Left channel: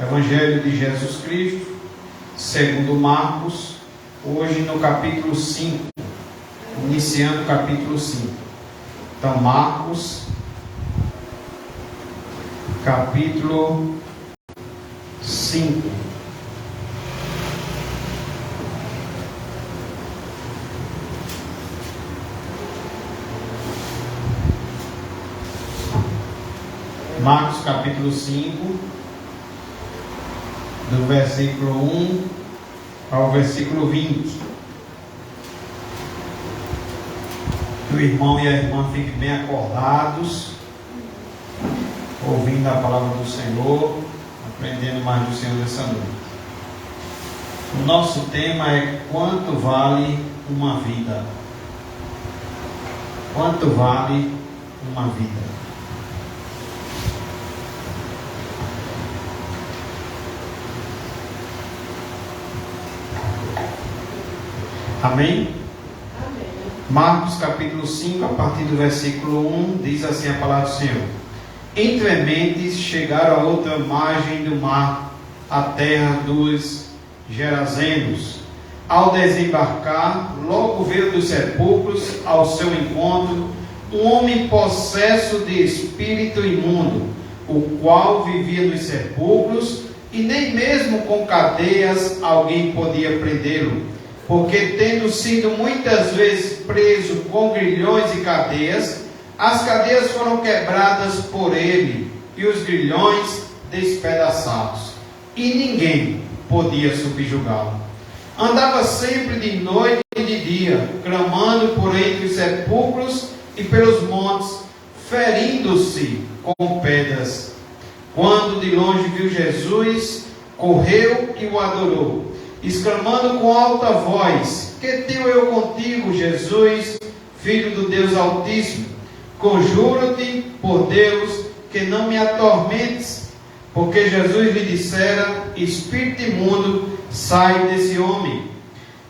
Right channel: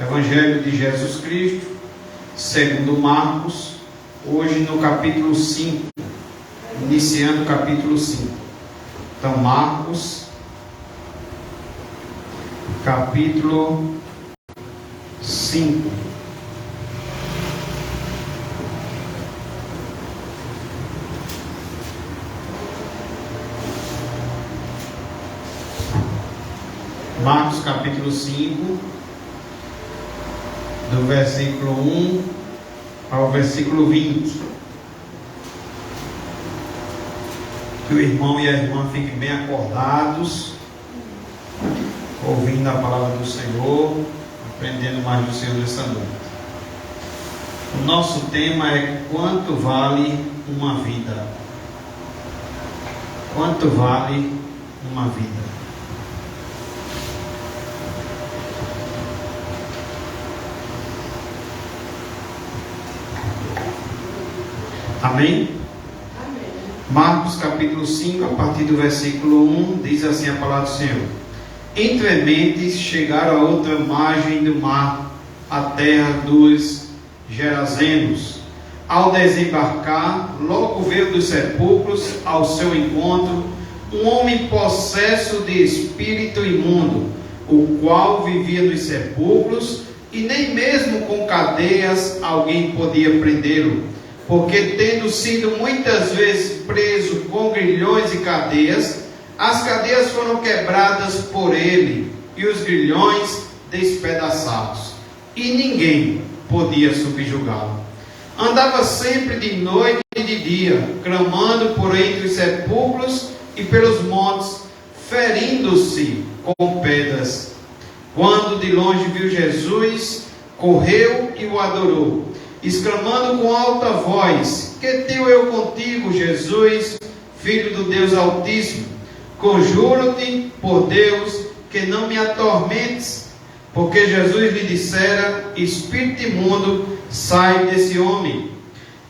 Evangelho de Jesus Cristo, segundo Marcos, hoje no capítulo 5, iniciando o capítulo 5. Então, Marcos, capítulo 5. Marcos, capítulo 5, do versículo 1 ao versículo 20. Que o irmão e a irmã fiquem bem acordados, ouvindo a palavra do Senhor, aprendendo mais do Senhor nessa noite. O nosso tema é: quanto vale uma vida? Quanto vale uma vida? Amém? Amém. Marcos capítulo 5, a partir do versículo 1, diz assim a palavra do Senhor: Entrementes chegaram a outra margem do mar, a terra dos Gerazenos. Ao desembarcar, logo veio dos sepulcros ao seu encontro um homem possesso de espírito imundo, o qual vivia nos sepulcros, e nem mesmo com cadeias alguém podia prendê-lo, porque tendo sido muitas vezes preso com grilhões e cadeias, as cadeias foram quebradas por ele e os grilhões despedaçados, e ninguém podia subjugá-lo. Andava sempre de noite e de dia, clamando por entre os sepulcros e pelos montes, ferindo-se com pedras. Quando de longe viu Jesus, correu e o adorou, exclamando com alta voz: Que tenho eu contigo, Jesus, Filho do Deus Altíssimo? Conjuro-te por Deus que não me atormentes. Porque Jesus lhe dissera: Espírito imundo, sai desse homem.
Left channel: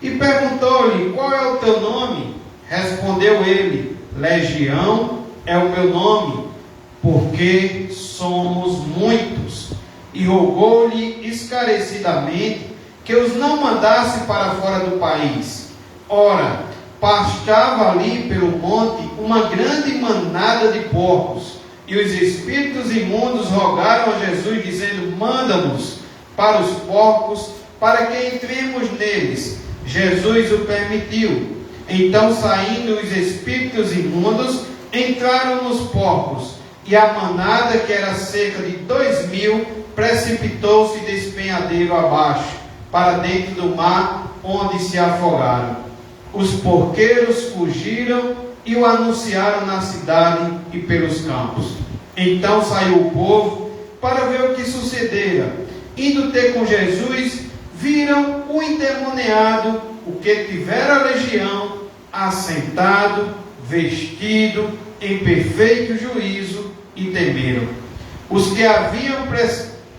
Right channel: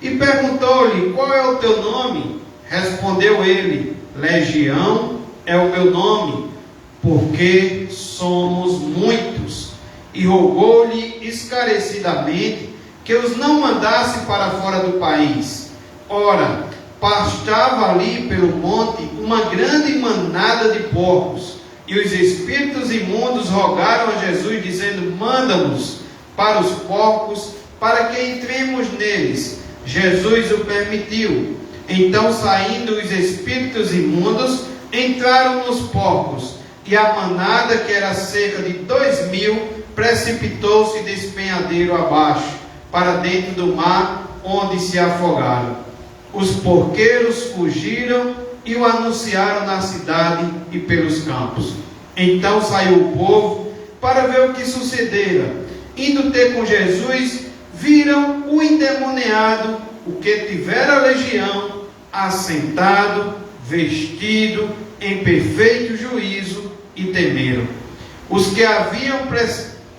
E perguntou-lhe: Qual é o teu nome? Respondeu ele: Legião é o meu nome, porque somos muitos. E rogou-lhe esclarecidamente que os não mandasse para fora do país. Ora, pastava ali pelo monte uma grande manada de porcos, e os espíritos imundos rogaram a Jesus, dizendo: Manda-nos para os porcos, para que entremos neles. Jesus o permitiu. Então, saindo os espíritos imundos, entraram nos porcos, e a manada, que era cerca de 2.000, precipitou-se de despenhadeiro abaixo, para dentro do mar, onde se afogaram. Os porqueiros fugiram e o anunciaram na cidade e pelos campos. Então saiu o povo para ver o que sucedera. Indo ter com Jesus, viram o endemoniado, o que tivera a legião, assentado, vestido, em perfeito juízo, e temeram. Os que haviam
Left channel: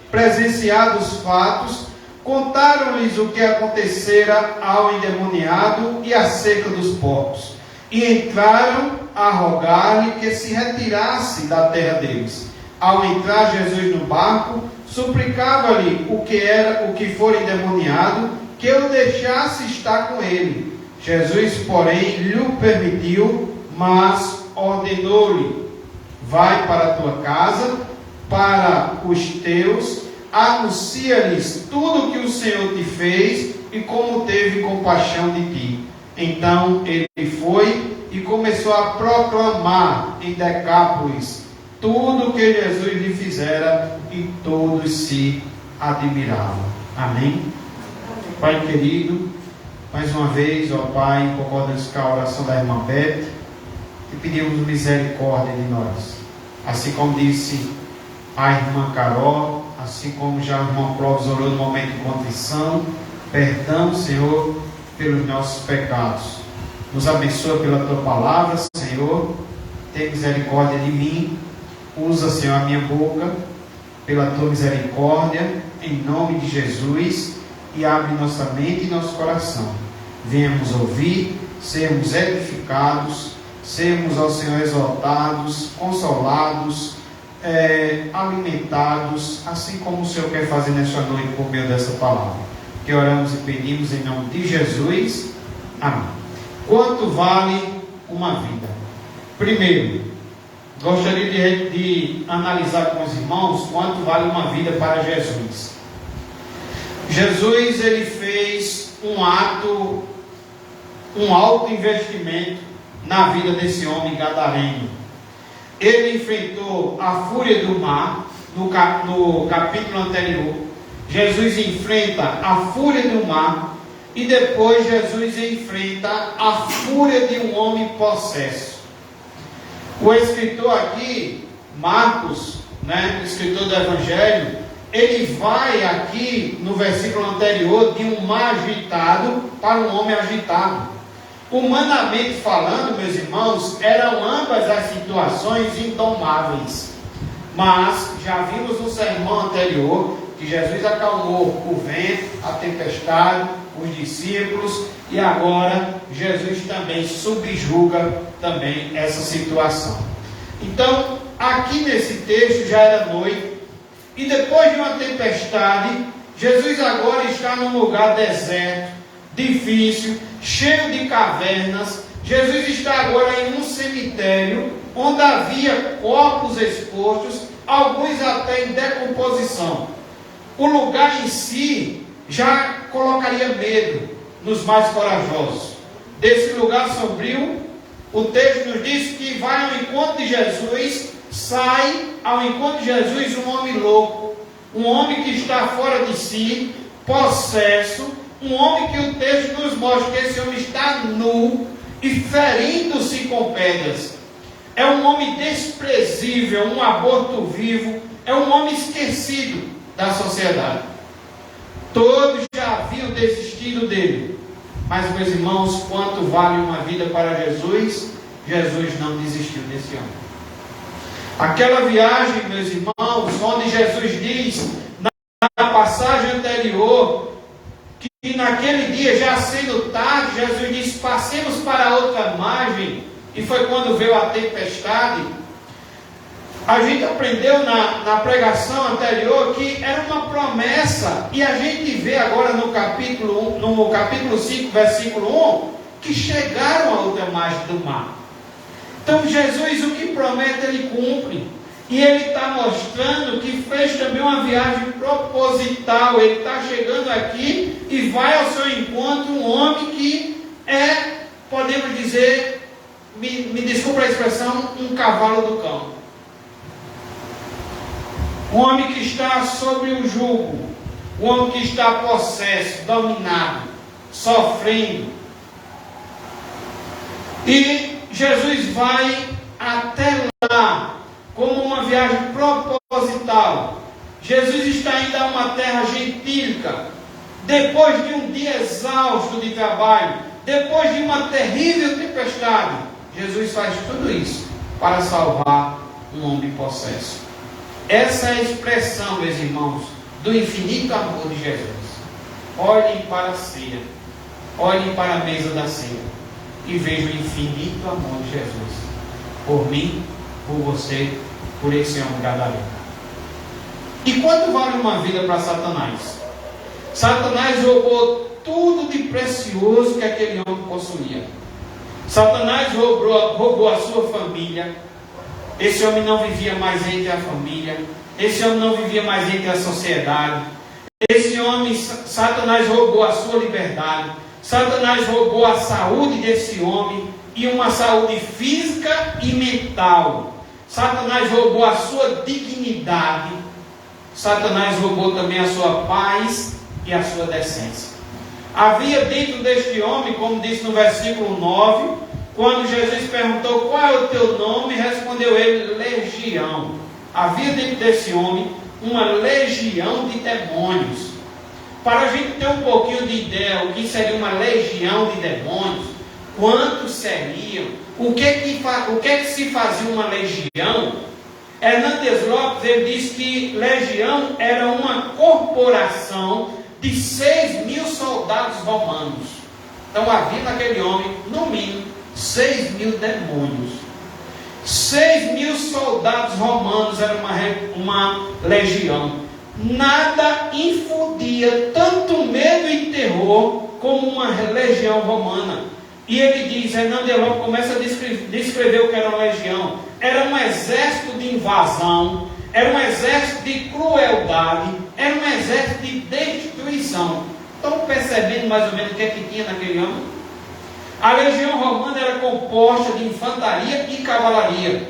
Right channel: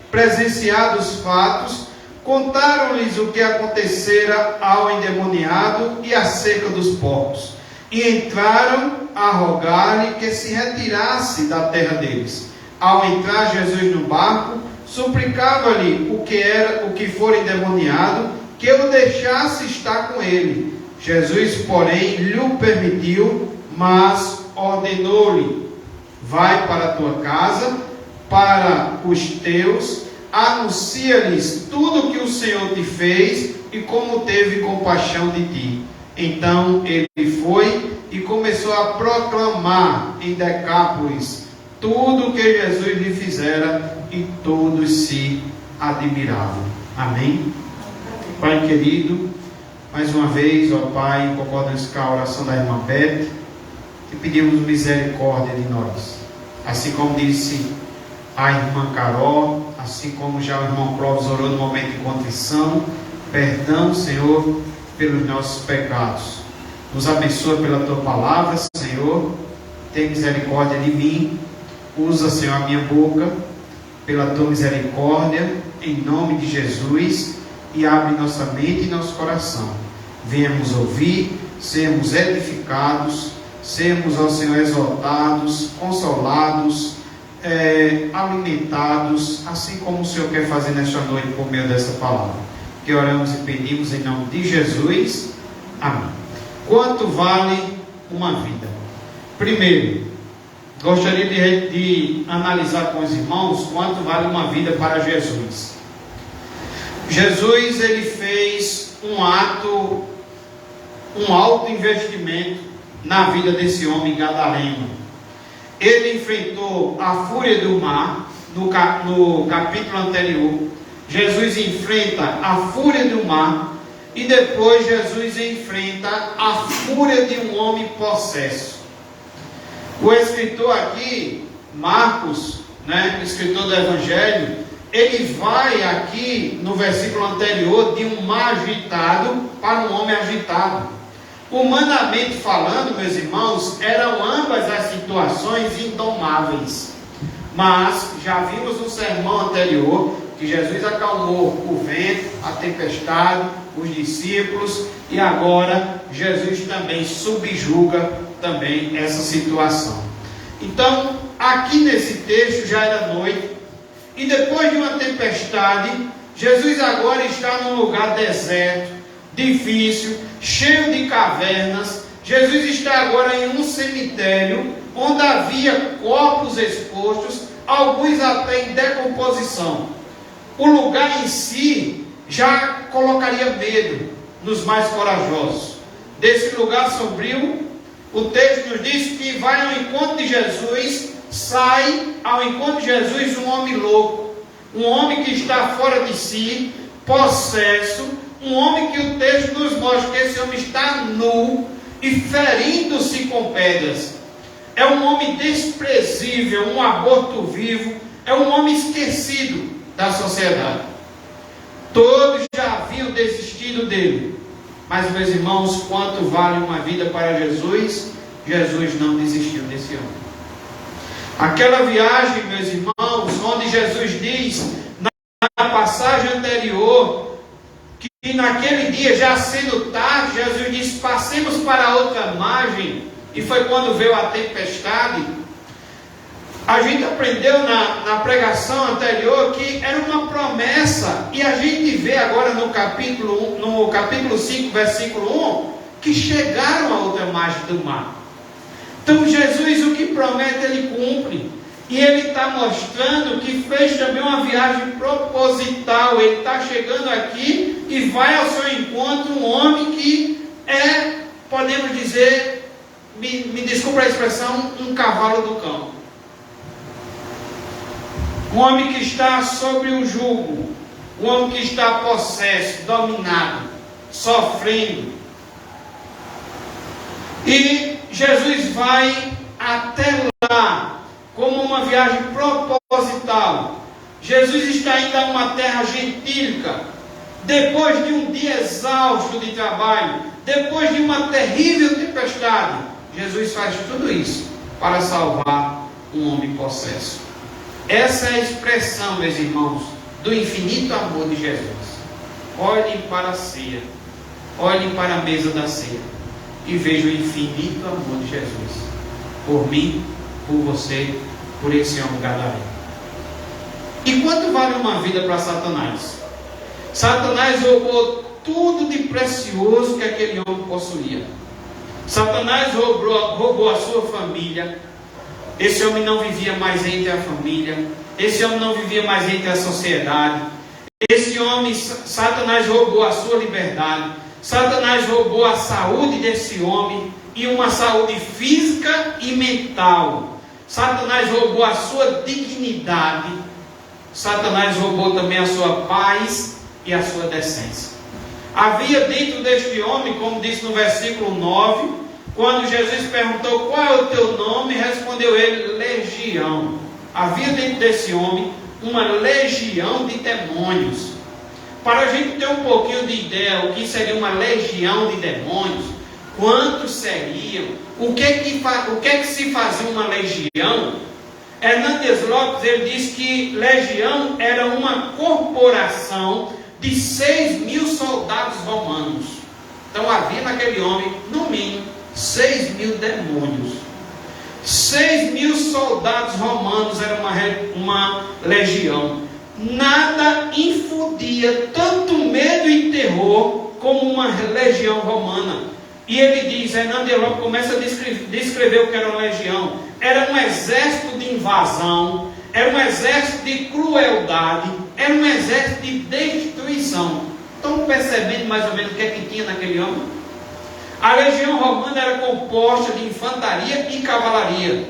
presenciado os fatos contaram-lhes o que acontecera ao endemoniado e acerca dos porcos, e entraram a rogar-lhe que se retirasse da terra deles. Ao entrar Jesus no barco, suplicava-lhe o que for endemoniado, que o deixasse estar com ele. Jesus, porém, lhe o permitiu, mas ordenou-lhe: Vai para a tua casa, para os teus, anuncia-lhes tudo o que o Senhor te fez e como teve compaixão de ti. Então ele foi e começou a proclamar em Decápolis tudo o que Jesus lhe fizera, e todos se admiravam. Amém? Pai querido, mais uma vez, ó Pai, concordamos com a oração da irmã Beth, e pedimos misericórdia de nós. Assim como disse a irmã Carol, assim como já o irmão Clóvis orou no momento de contrição, perdão, Senhor, pelos nossos pecados. Nos abençoe pela Tua palavra, Senhor. Tem misericórdia de mim. Usa, Senhor, a minha boca pela Tua misericórdia, em nome de Jesus, e abre nossa mente e nosso coração. Venhamos ouvir, sermos edificados, sermos, ó Senhor, exaltados, consolados, alimentados, assim como o Senhor quer fazer nesta noite por meio dessa palavra. Que oramos e pedimos em nome de Jesus. Amém. Quanto vale uma vida? Primeiro, gostaria de analisar com os irmãos quanto vale uma vida para Jesus. Jesus, ele fez um alto investimento na vida desse homem gadareno. Ele enfrentou a fúria do mar, no capítulo anterior. Jesus enfrenta a fúria do mar, e depois Jesus enfrenta a fúria de um homem possesso. O escritor aqui, Marcos, o escritor do Evangelho, ele vai aqui no versículo anterior de um mar agitado para um homem agitado. Humanamente falando, meus irmãos, eram ambas as situações indomáveis. Mas já vimos no sermão anterior que Jesus acalmou o vento, a tempestade, os discípulos, e agora Jesus também subjuga também essa situação. Então, aqui nesse texto já era noite, e depois de uma tempestade, Jesus agora está num lugar deserto, difícil, cheio de cavernas. Jesus está agora em um cemitério, onde havia corpos expostos, alguns até em decomposição. O lugar em si já colocaria medo nos mais corajosos. Desse lugar sombrio, o texto nos diz que vai ao encontro de Jesus, sai ao encontro de Jesus um homem louco, um homem que está fora de si, possesso, um homem que o texto nos mostra que esse homem está nu e ferindo-se com pedras. É um homem desprezível, um aborto vivo, é um homem esquecido da sociedade. Todos já haviam desistido dele. Mas, meus irmãos, quanto vale uma vida para Jesus? Jesus não desistiu desse homem. Aquela viagem, meus irmãos, onde Jesus diz, na passagem anterior, que naquele dia, já sendo tarde, Jesus disse, passemos para a outra margem, e foi quando veio a tempestade. A gente aprendeu na pregação anterior que era uma promessa, e a gente vê agora no capítulo 5, versículo 1, que chegaram à outra margem do mar. Então Jesus, o que promete, ele cumpre. E ele está mostrando que fez também uma viagem proposital. Ele está chegando aqui e vai ao seu encontro um homem que é, podemos dizer, me desculpa a expressão, um cavalo do campo. Um homem que está sobre o jugo, um homem que está possesso, dominado, sofrendo. E Jesus vai até lá, como uma viagem proposital. Jesus está indo a uma terra gentílica, depois de um dia exausto de trabalho, depois de uma terrível tempestade. Jesus faz tudo isso para salvar um homem possesso. Essa é a expressão, meus irmãos, do infinito amor de Jesus. Olhem para a ceia, olhem para a mesa da ceia e vejam o infinito amor de Jesus por mim, por você, por esse homem gadareno. E quanto vale uma vida para Satanás? Satanás roubou tudo de precioso que aquele homem possuía. Satanás roubou a sua família. Esse homem não vivia mais entre a família. Esse homem não vivia mais entre a sociedade. Esse homem, Satanás roubou a sua liberdade. Satanás roubou a saúde desse homem, e uma saúde física e mental. Satanás roubou a sua dignidade. Satanás roubou também a sua paz e a sua decência. Havia dentro deste homem, como disse no versículo 9, quando Jesus perguntou qual é o teu nome, respondeu ele, legião. Havia dentro desse homem uma legião de demônios. Para a gente ter um pouquinho de ideia o que seria uma legião de demônios, quantos seriam, o que que se fazia uma legião? Hernandes Lopes, ele diz que legião era uma corporação de 6.000 soldados romanos. Então havia naquele homem, no mínimo, 6.000 demônios. 6.000 soldados romanos era uma legião. Nada infundia tanto medo e terror como uma legião romana. E ele diz, Hernando Eló começa a descrever o que era uma legião. Era um exército de invasão, era um exército de crueldade, era um exército de destruição. Estão percebendo mais ou menos o que é que tinha naquele ano? A legião romana era composta de infantaria e cavalaria.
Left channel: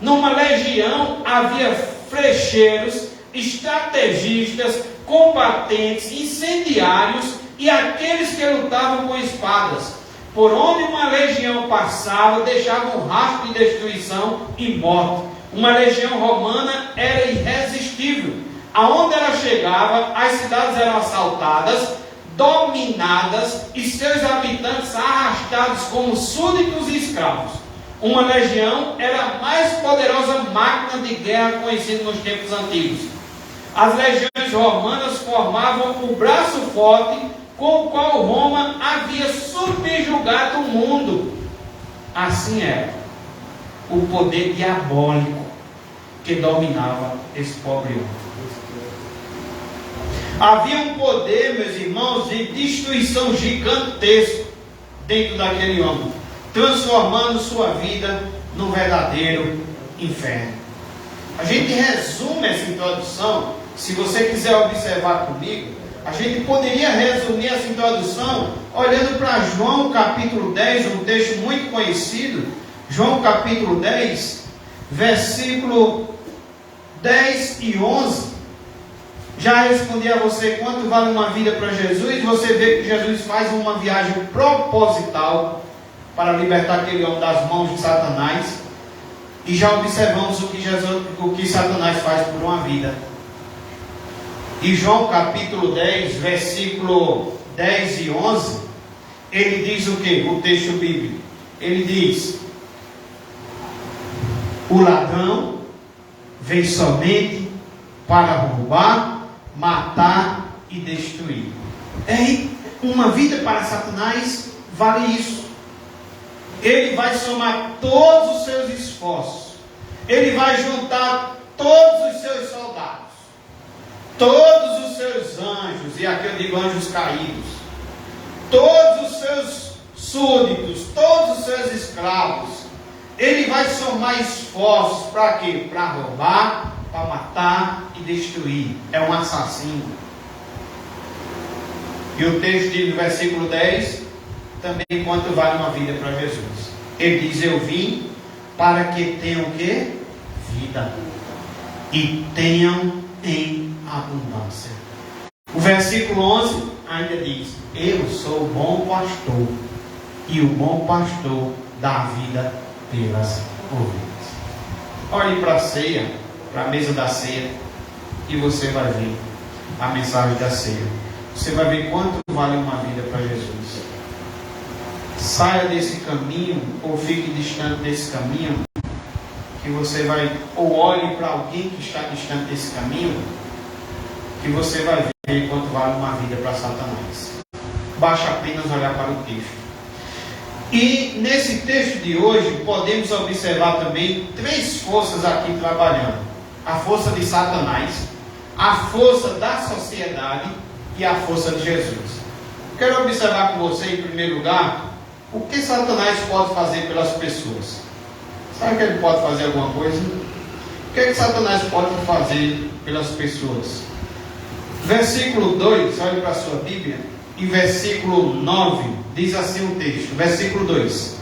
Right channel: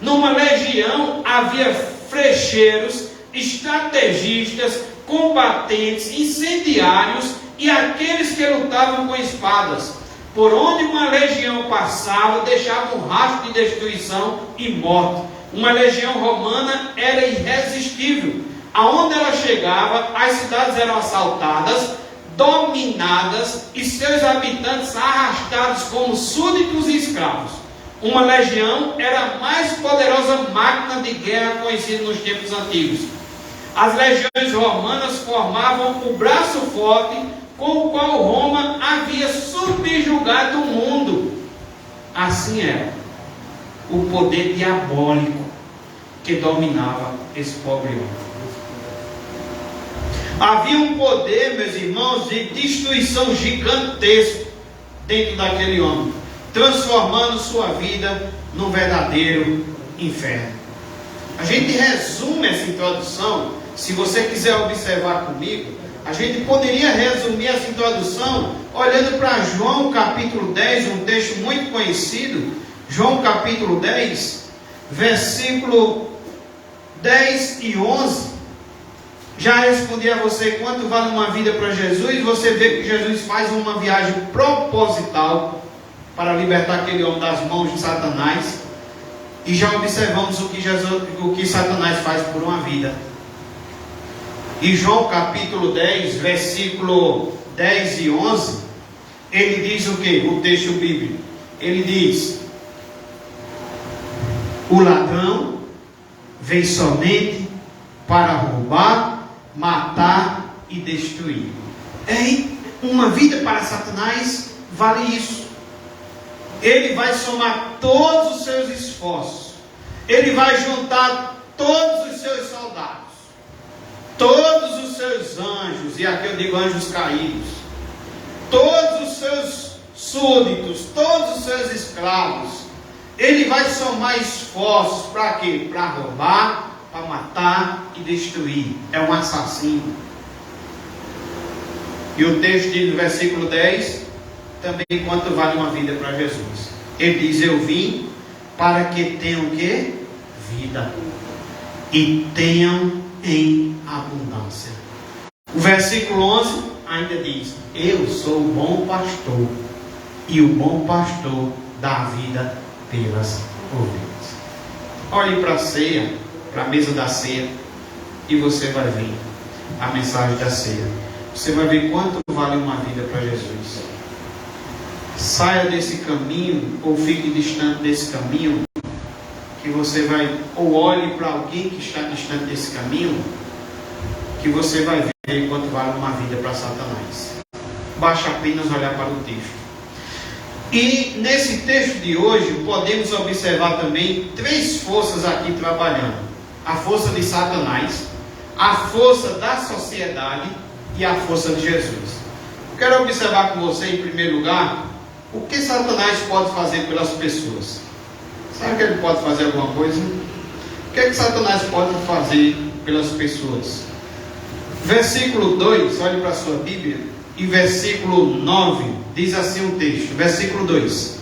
Numa legião havia flecheiros, estrategistas, combatentes, incendiários e aqueles que lutavam com espadas. Por onde uma legião passava, deixava um rastro de destruição e morte. Uma legião romana era irresistível. Aonde ela chegava, as cidades eram assaltadas, dominadas e seus habitantes arrastados como súditos e escravos. Uma legião era a mais poderosa máquina de guerra conhecida nos tempos antigos. As legiões romanas formavam o braço forte com o qual Roma havia subjugado o mundo. Assim era o poder diabólico que dominava esse pobre homem. Havia um poder, meus irmãos, de destruição gigantesco dentro daquele homem, transformando sua vida num verdadeiro inferno. A gente resume essa introdução, se você quiser observar comigo, a gente poderia resumir essa introdução olhando para João capítulo 10, um texto muito conhecido. João capítulo 10, versículo 10 e 11. Já respondi a você quanto vale uma vida para Jesus. Você vê que Jesus faz uma viagem proposital para libertar aquele homem das mãos de Satanás. E já observamos o que Satanás faz por uma vida. E João capítulo 10, versículo 10 e 11, ele diz o que? O texto bíblico. Ele diz: o ladrão vem somente para roubar, matar e destruir. Uma vida para Satanás vale isso. Ele vai somar todos os seus esforços. Ele vai juntar todos os seus soldados, todos os seus anjos, e aqui eu digo anjos caídos, todos os seus súditos, todos os seus escravos. Ele vai somar esforços para quê? Para roubar, para matar e destruir. É um assassino. E o texto diz no versículo 10 também quanto vale uma vida para Jesus. Ele diz: eu vim para que tenham o quê? Vida. E tenham em abundância. O versículo 11 ainda diz: eu sou o bom pastor, e o bom pastor dá vida pelas ovelhas. Olhe para a ceia, para a mesa da ceia, e você vai ver a mensagem da ceia. Você vai ver quanto vale uma vida para Jesus. Saia desse caminho, ou fique distante desse caminho, que você vai, ou olhe para alguém que está distante desse caminho, que você vai ver quanto vale uma vida para Satanás. Basta apenas olhar para o texto. E nesse texto de hoje, podemos observar também três forças aqui trabalhando: a força de Satanás, a força da sociedade e a força de Jesus. Eu quero observar com você, em primeiro lugar, o que Satanás pode fazer pelas pessoas. Sabe que ele pode fazer alguma coisa? O que Satanás pode fazer pelas pessoas? Versículo 2, olhe para a sua Bíblia, e versículo 9, diz assim o texto, versículo 2:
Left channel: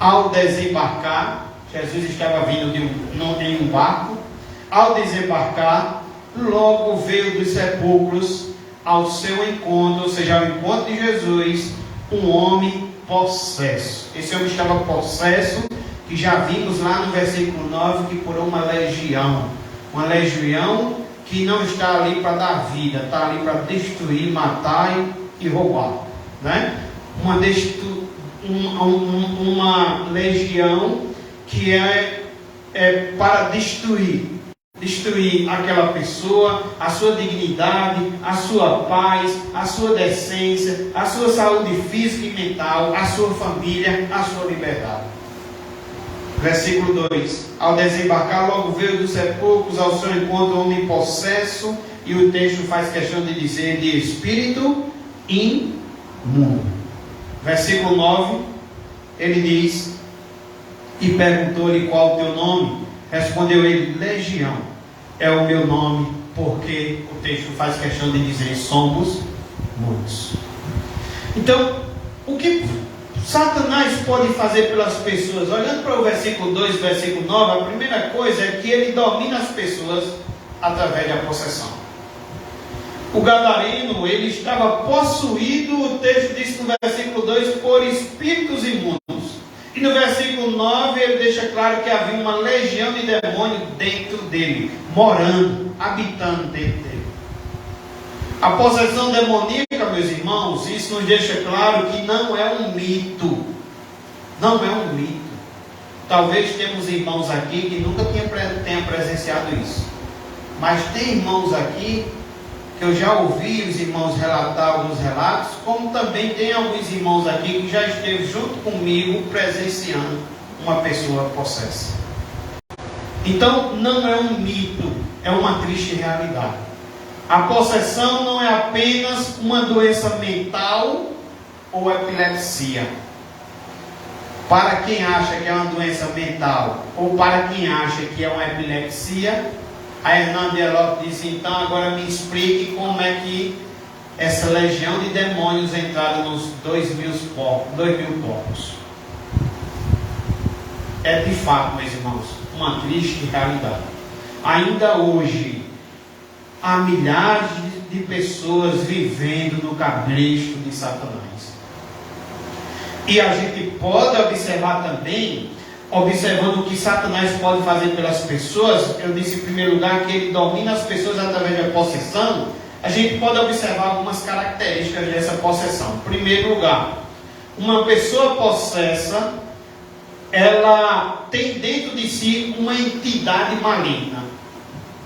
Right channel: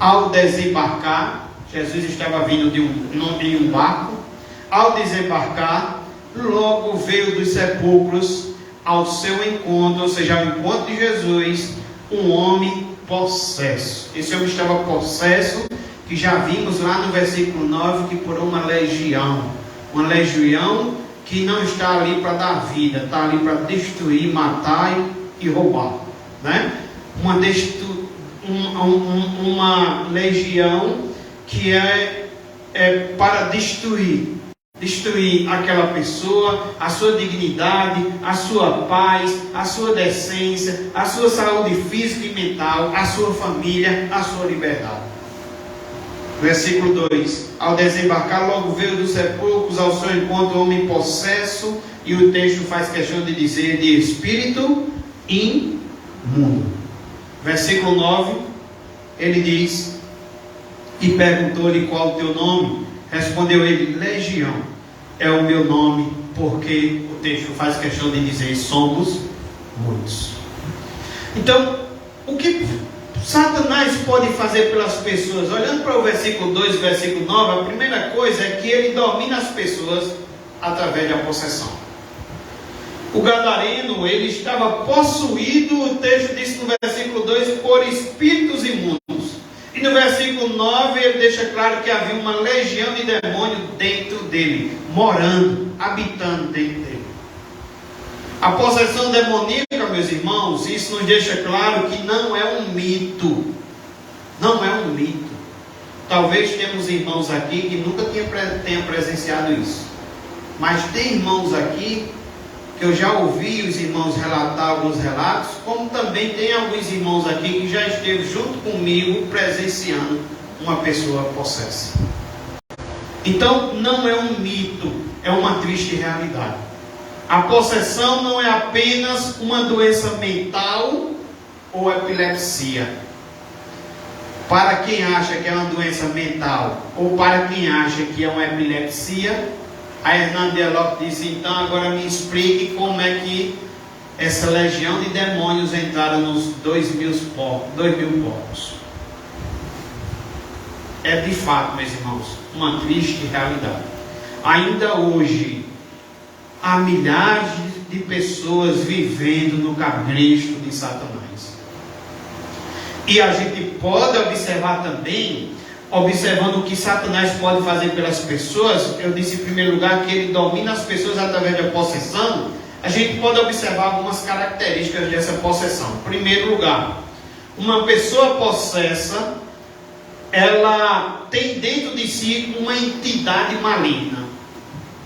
ao desembarcar, Jesus estava vindo de um barco. Ao desembarcar, logo veio dos sepulcros ao seu encontro, ou seja, ao encontro de Jesus, um homem possesso. Esse homem estava possesso, que já vimos lá no versículo 9, que por uma legião que não está ali para dar vida, está ali para destruir, matar e roubar, né? Uma legião que é para destruir aquela pessoa, a sua dignidade, a sua paz, a sua decência, a sua saúde física e mental, a sua família, a sua liberdade. Versículo 2. Ao desembarcar, logo veio dos sepulcros ao seu encontro o homem possesso, e o texto faz questão de dizer de espírito imundo. Versículo 9, ele diz: e perguntou-lhe qual o teu nome. Respondeu ele: Legião é o meu nome, porque o texto faz questão de dizer: somos muitos. Então, o que Satanás pode fazer pelas pessoas? Olhando para o versículo 2 e versículo 9, a primeira coisa é que ele domina as pessoas através da possessão. O gadareno, ele estava possuído, o texto diz no versículo 2, por espíritos imundos. E no versículo 9 ele deixa claro que havia uma legião de demônios dentro dele, morando, habitando dentro dele. A possessão demoníaca, meus irmãos, isso nos deixa claro que não é um mito. Não é um mito. Talvez temos irmãos aqui que nunca tenham presenciado isso. Mas tem irmãos aqui que eu já ouvi os irmãos relatar alguns relatos, como também tem alguns irmãos aqui que já esteve junto comigo presenciando uma pessoa possessa. Então, não é um mito, é uma triste realidade. A possessão não é apenas uma doença mental ou epilepsia. Para quem acha que é uma doença mental ou para quem acha que é uma epilepsia, a Hernande Elot disse: então agora me explique como é que essa legião de demônios entraram nos 2.000 povos. É de fato, meus irmãos, uma triste realidade. Ainda hoje, há milhares de pessoas vivendo no cabresto de Satanás. E a gente pode observar também, observando o que Satanás pode fazer pelas pessoas. Eu disse em primeiro lugar que ele domina as pessoas através da possessão. A gente pode observar algumas características dessa possessão. Em primeiro lugar, uma pessoa possessa, ela tem dentro de si uma entidade maligna.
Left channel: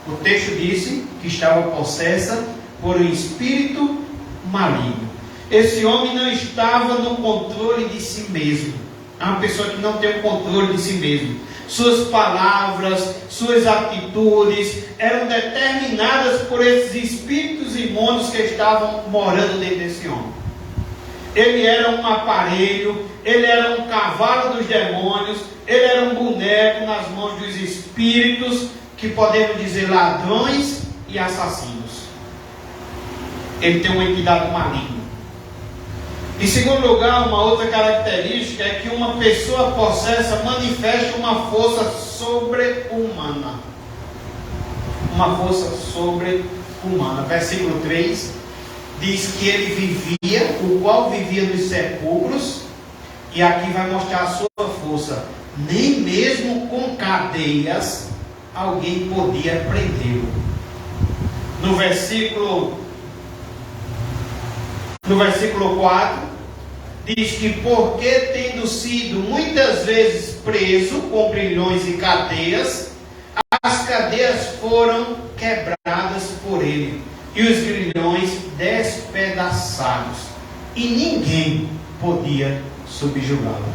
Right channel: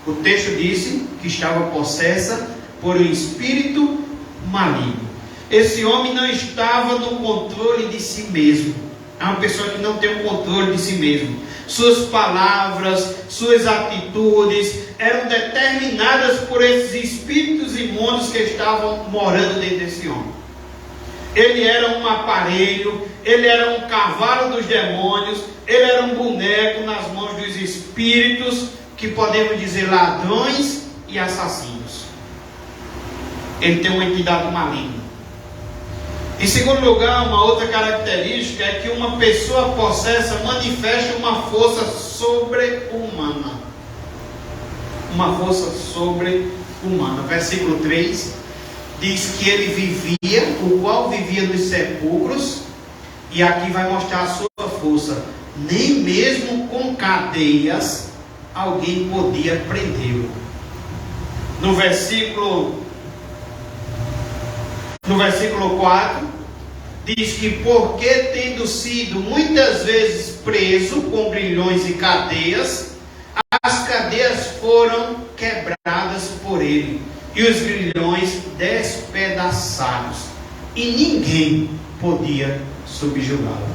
O texto disse que estava possessa por um espírito maligno. Esse homem não estava no controle de si mesmo. É uma pessoa que não tem o controle de si mesmo. Suas palavras, suas atitudes eram determinadas por esses espíritos imundos que estavam morando dentro desse homem. Ele era um aparelho, ele era um cavalo dos demônios, ele era um boneco nas mãos dos espíritos, que podemos dizer ladrões e assassinos. Ele tem uma entidade maligna. Em segundo lugar, uma outra característica é que uma pessoa possessa manifesta uma força sobre-humana. Uma força sobre-humana. Versículo 3 diz que ele vivia, o qual vivia nos sepulcros, e aqui vai mostrar a sua força. Nem mesmo com cadeias alguém podia prendê-lo. No versículo 4, diz que porque tendo sido muitas vezes preso com grilhões e cadeias, as cadeias foram quebradas por ele, e os grilhões despedaçados, e ninguém podia subjugá-lo.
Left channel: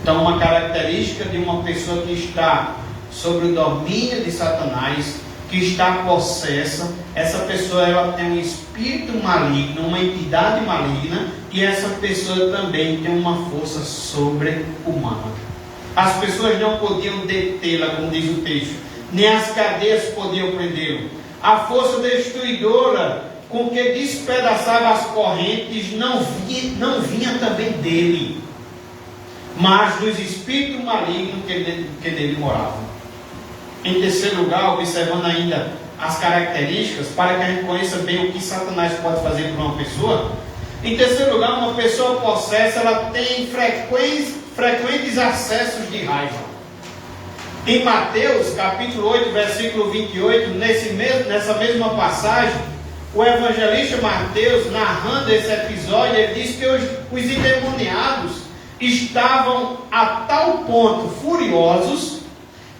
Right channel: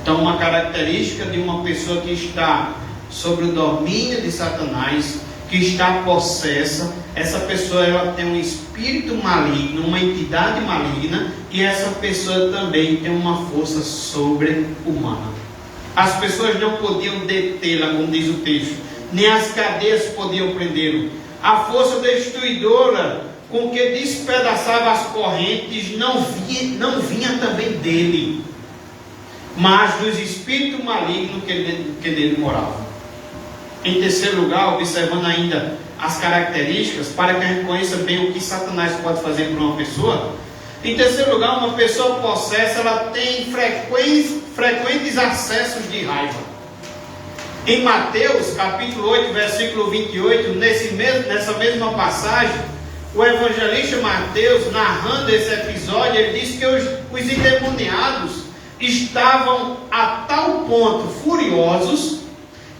Então, uma característica de uma pessoa que está sob o domínio de Satanás, que está possessa, essa pessoa ela tem um espírito maligno, uma entidade maligna, e essa pessoa também tem uma força sobre-humana. As pessoas não podiam detê-la, como diz o texto, nem as cadeias podiam prendê-lo. A força destruidora com que despedaçava as correntes não vinha também dele, mas dos espíritos malignos que nele moravam. Em terceiro lugar, observando ainda as características, para que a gente conheça bem o que Satanás pode fazer por uma pessoa. Em terceiro lugar, uma pessoa possessa, ela tem frequentes acessos de raiva. Em Mateus, capítulo 8, versículo 28, nessa mesma passagem, o evangelista Mateus, narrando esse episódio, ele diz que os endemoniados estavam a tal ponto furiosos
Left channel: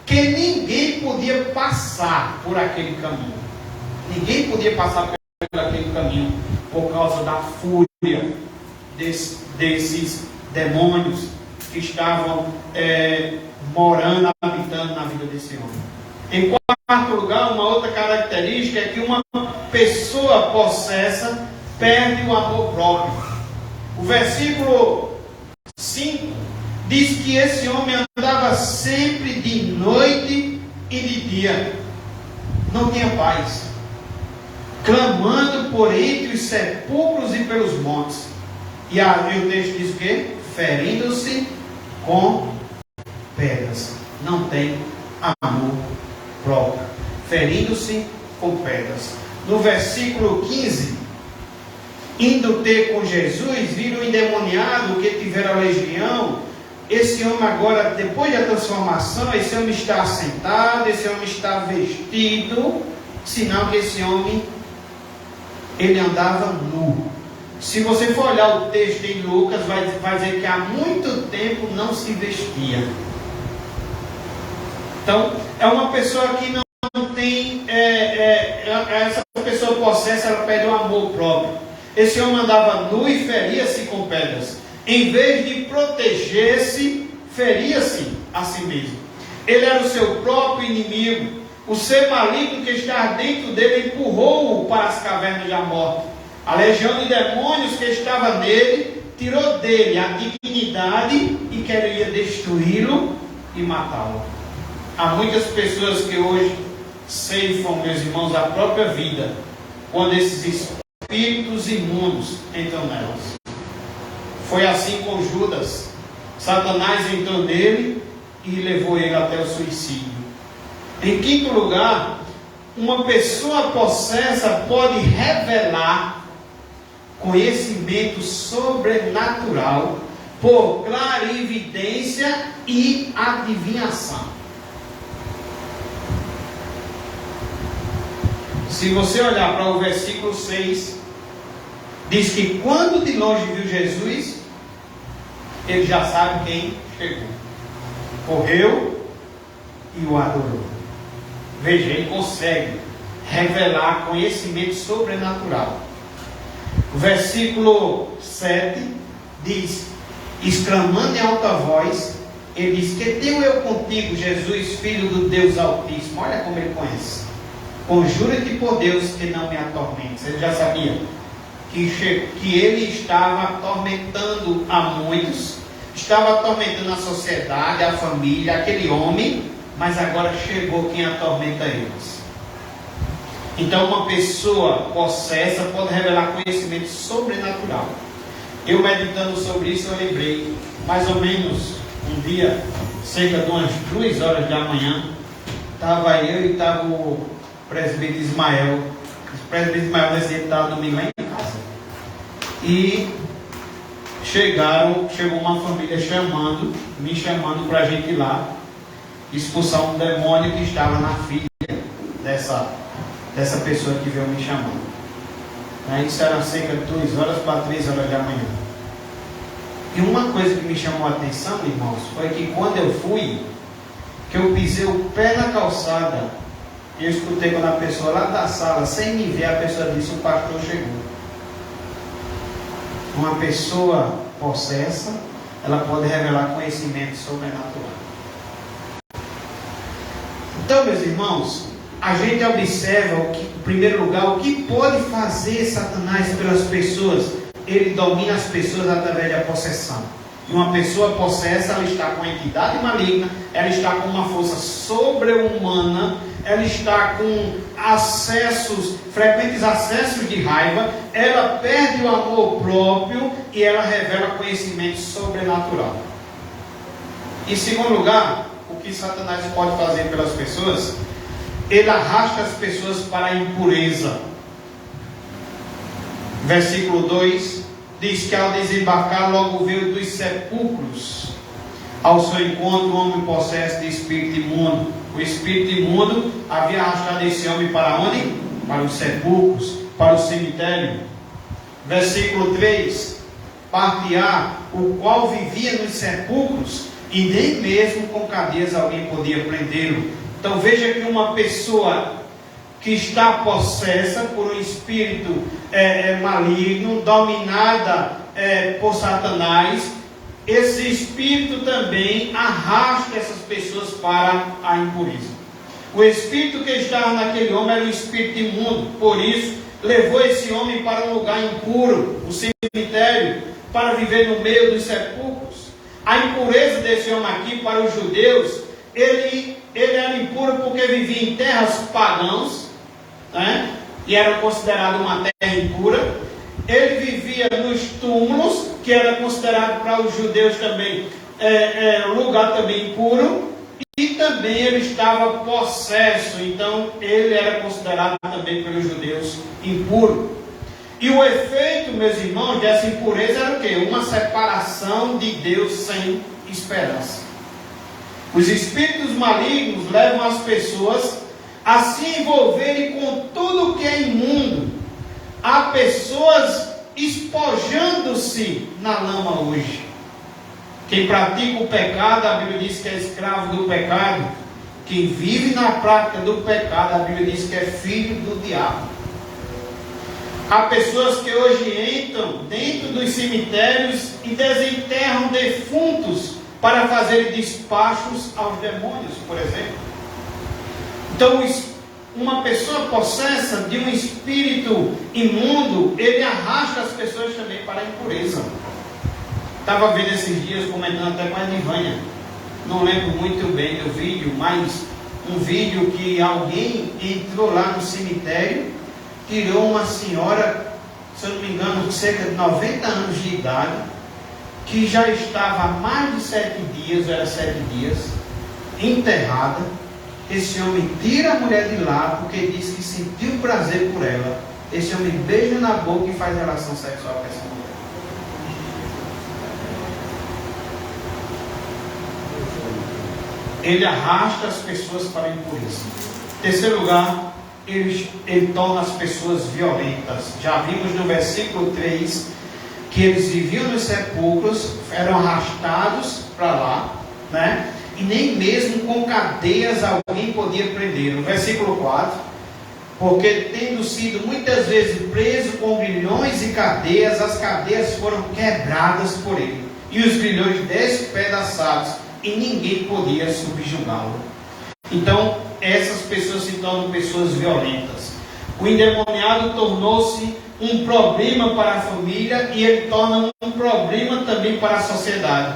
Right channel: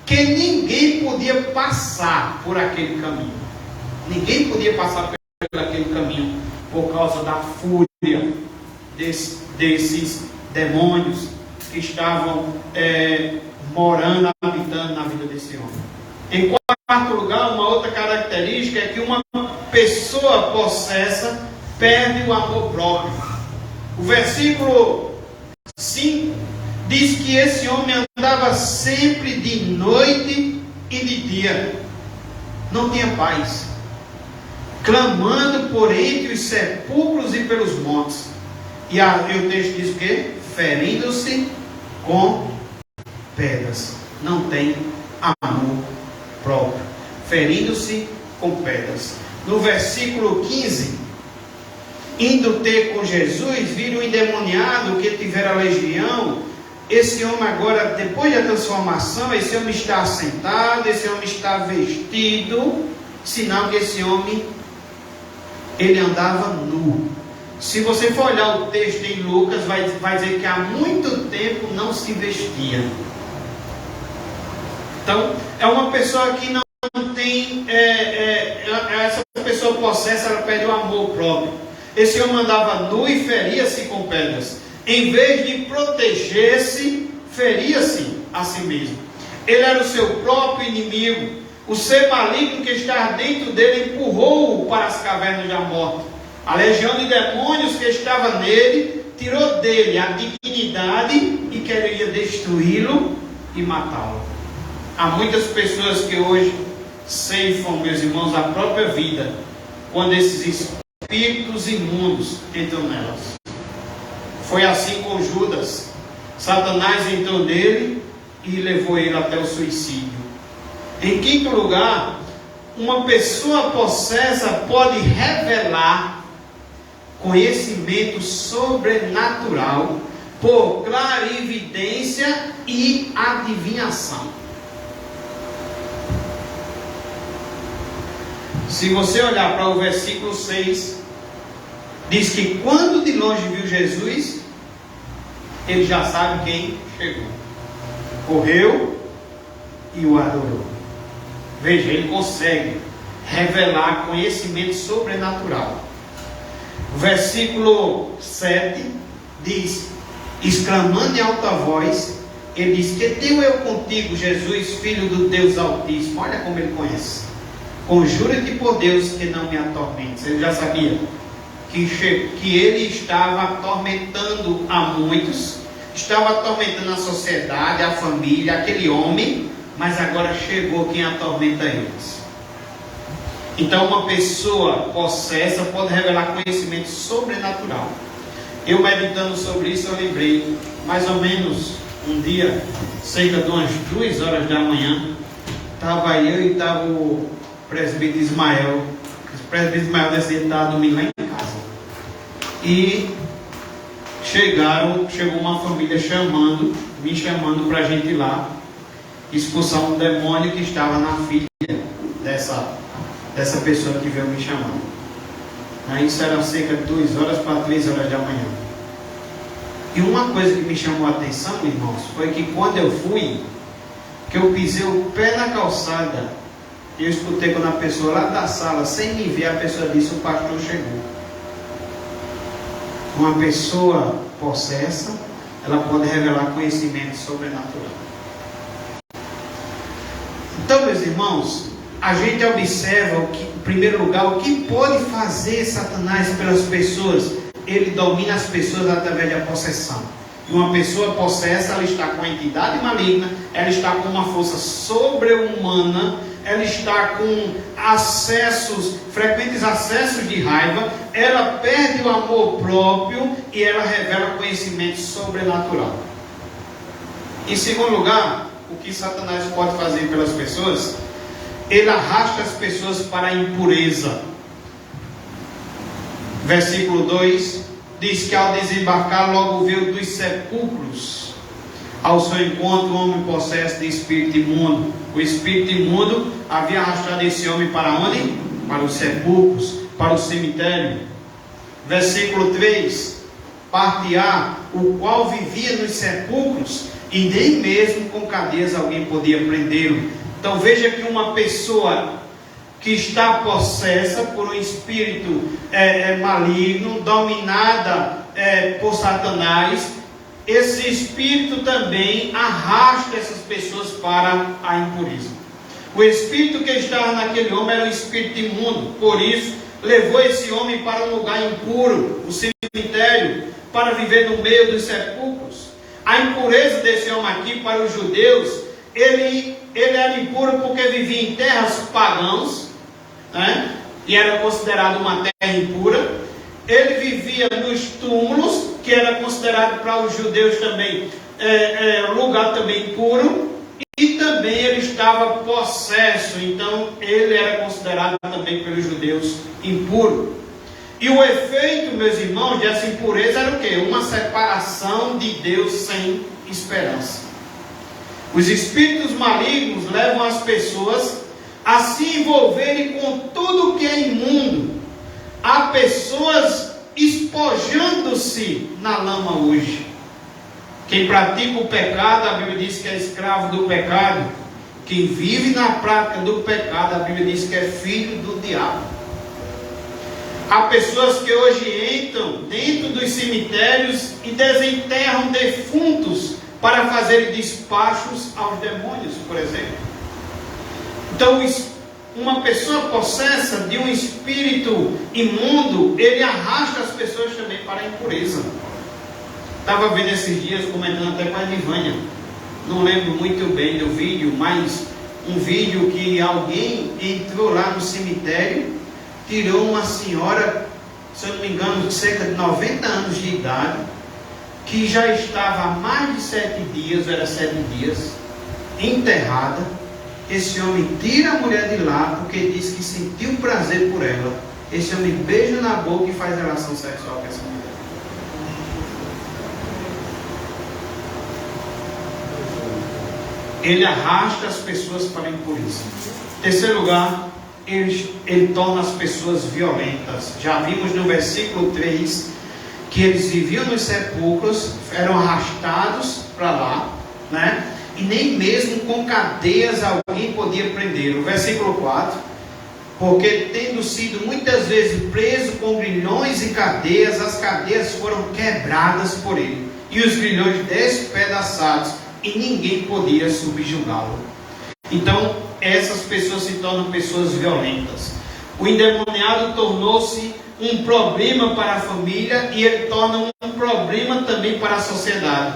que ninguém podia passar por aquele caminho. Ninguém podia passar por aquele caminho por causa da fúria desses demônios que estavam morando, habitando na vida desse homem. Em quarto lugar, uma outra característica é que uma pessoa possessa perde o amor próprio. O versículo 5 diz que esse homem andava sempre de noite e de dia, não tinha paz, clamando por entre os sepulcros e pelos montes. E o texto diz o quê? Ferindo-se com pedras. Não tem amor próprio. Ferindo-se com pedras. No versículo 15, indo ter com Jesus, viram um endemoniado que tivera legião. Esse homem agora, depois da transformação, esse homem está sentado, esse homem está vestido, sinal que esse homem, ele andava nu. Se você for olhar o texto em Lucas, vai dizer que há muito tempo não se vestia. Então, é uma pessoa que não tem, essa pessoa possessa, ela perde o amor próprio. Esse homem andava nu e feria-se com pedras. Em vez de proteger-se, feria-se a si mesmo. Ele era o seu próprio inimigo. O ser maligno que estava dentro dele empurrou-o para as cavernas da morte. A legião de demônios que estava nele tirou dele a dignidade e queria destruí-lo e matá-lo. Há muitas pessoas que hoje ceifam, meus irmãos, a própria vida quando esses espíritos imundos entram nelas. Foi assim com Judas. Satanás entrou nele e levou ele até o suicídio. Em quinto lugar, uma pessoa possessa pode revelar conhecimento sobrenatural por clarividência e adivinhação. Se você olhar para o versículo 6, diz que quando de longe viu Jesus, ele já sabe quem chegou. Correu e o adorou. Veja, ele consegue revelar conhecimento sobrenatural. O versículo 7 diz, exclamando em alta voz, ele diz, que tenho eu contigo, Jesus, Filho do Deus Altíssimo. Olha como ele conhece. Conjura-te por Deus que não me atormentes. Ele já sabia que ele estava atormentando a muitos, estava atormentando a sociedade, a família, aquele homem, mas agora chegou quem atormenta eles. Então uma pessoa possessa pode revelar conhecimento sobrenatural. Eu meditando sobre isso, eu lembrei, mais ou menos um dia, cerca de umas 2 horas da manhã, estava eu e estava o presbítero Ismael. O presbítero Ismael estava domingo lá em casa. E chegou uma família me chamando para a gente ir lá expulsar um demônio que estava na filha dessa pessoa que veio me chamando. Aí isso era cerca de 2 horas para 3 horas da manhã. E uma coisa que me chamou a atenção, irmãos, foi que quando eu fui, que eu pisei o pé na calçada, eu escutei quando a pessoa lá da sala, sem me ver, a pessoa disse, o pastor chegou. Uma pessoa possessa, ela pode revelar conhecimento sobrenatural. Então, meus irmãos, a gente observa, em primeiro lugar, o que pode fazer Satanás pelas pessoas. Ele domina as pessoas através da possessão. E uma pessoa possessa, ela está com uma entidade maligna, ela está com uma força sobre-humana, ela está com frequentes acessos de raiva, ela perde o amor próprio e ela revela conhecimento sobrenatural. Em segundo lugar, o que Satanás pode fazer pelas pessoas? Ele arrasta as pessoas para a impureza. Versículo 2 diz que ao desembarcar logo veio dos sepulcros ao seu encontro um homem possesso de espírito imundo. O espírito imundo havia arrastado esse homem para onde? Para os sepulcros, para o cemitério. Versículo 3, parte A, o qual vivia nos sepulcros e nem mesmo com cadeias alguém podia prendê-lo. Então veja que uma pessoa que está possessa por um espírito maligno, dominada por Satanás, esse espírito também arrasta essas pessoas para a impureza. O espírito que estava naquele homem era um espírito imundo, por isso levou esse homem para um lugar impuro, o cemitério, para viver no meio dos sepulcros. A impureza desse homem aqui, para os judeus, ele era impuro porque vivia em terras pagãs, né? E era considerado uma terra impura. Ele vivia nos túmulos, que era considerado para os judeus também lugar também impuro. E também ele estava possesso, então ele era considerado também pelos judeus impuro. E o efeito, meus irmãos, dessa impureza era o quê? Uma separação de Deus sem esperança. Os espíritos malignos levam as pessoas a se envolverem com tudo que é imundo. Há pessoas espojando-se na lama hoje. Quem pratica o pecado, a Bíblia diz que é escravo do pecado. Quem vive na prática do pecado, a Bíblia diz que é filho do diabo. Há pessoas que hoje entram dentro dos cemitérios e desenterram defuntos para fazer despachos aos demônios, por exemplo. Então, uma pessoa possessa de um espírito imundo, ele arrasta as pessoas também para a impureza. Estava vendo esses dias, comentando até com a Nivânia, não lembro muito bem do vídeo, mas um vídeo que alguém entrou lá no cemitério, tirou uma senhora, se eu não me engano, de cerca de 90 anos de idade, que já estava há mais de 7 dias, era 7 dias, enterrada. Esse homem tira a mulher de lá, porque diz que sentiu prazer por ela. Esse homem beija na boca e faz relação sexual com essa mulher. Ele arrasta as pessoas para a impureza. Em terceiro lugar, ele torna as pessoas violentas. Já vimos no versículo 3 que eles viviam nos sepulcros, eram arrastados para lá, né? E nem mesmo com cadeias alguém podia prender. O versículo 4, porque tendo sido muitas vezes preso com grilhões e cadeias, as cadeias foram quebradas por ele, e os grilhões despedaçados, e ninguém podia subjugá-lo. Então, essas pessoas se tornam pessoas violentas. O endemoniado tornou-se um problema para a família e ele torna um problema também para a sociedade.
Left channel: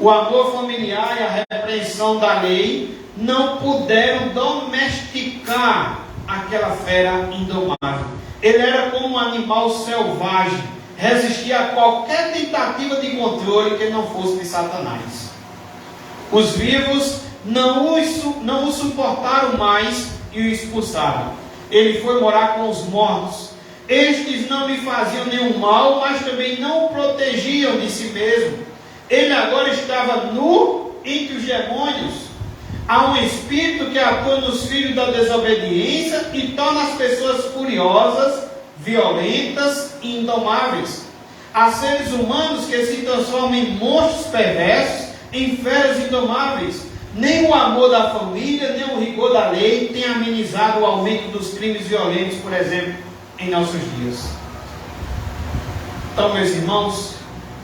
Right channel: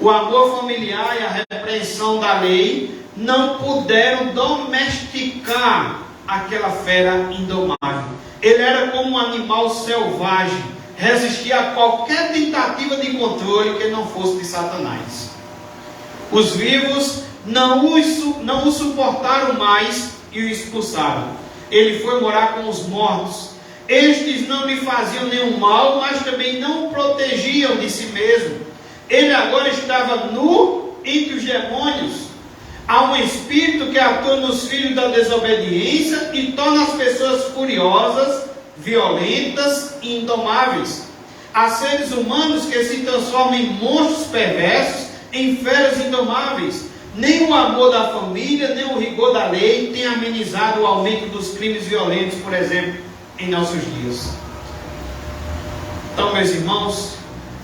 O amor familiar e a repreensão da lei não puderam domesticar aquela fera indomável. Ele era como um animal selvagem, resistia a qualquer tentativa de controle que não fosse de Satanás. Os vivos não o suportaram mais e o expulsaram. Ele foi morar com os mortos. Estes não lhe faziam nenhum mal, mas também não o protegiam de si mesmo. Ele agora estava nu entre os demônios. Há um espírito que atua nos filhos da desobediência e torna as pessoas furiosas, violentas e indomáveis. Há seres humanos que se transformam em monstros perversos, em feras indomáveis. Nem o amor da família, nem o rigor da lei tem amenizado o aumento dos crimes violentos, por exemplo, em nossos dias. Então, meus irmãos,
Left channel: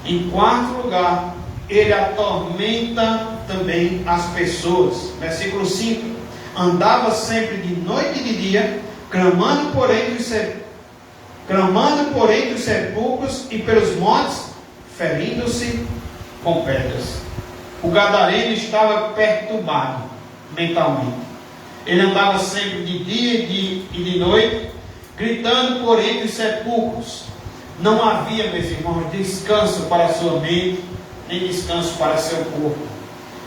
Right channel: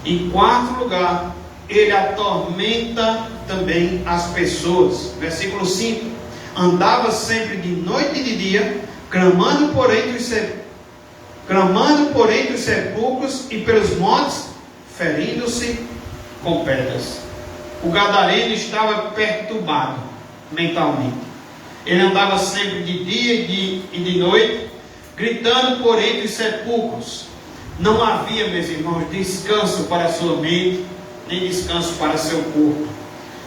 em quarto lugar, ele atormenta também as pessoas. Versículo 5: andava sempre de noite e de dia, clamando por entre os sepulcros e pelos montes, ferindo-se com pedras. O gadareno estava perturbado mentalmente. Ele andava sempre de dia e de noite, gritando por entre os sepulcros. Não havia, meus irmãos, descanso para a sua mente, nem descanso para seu corpo.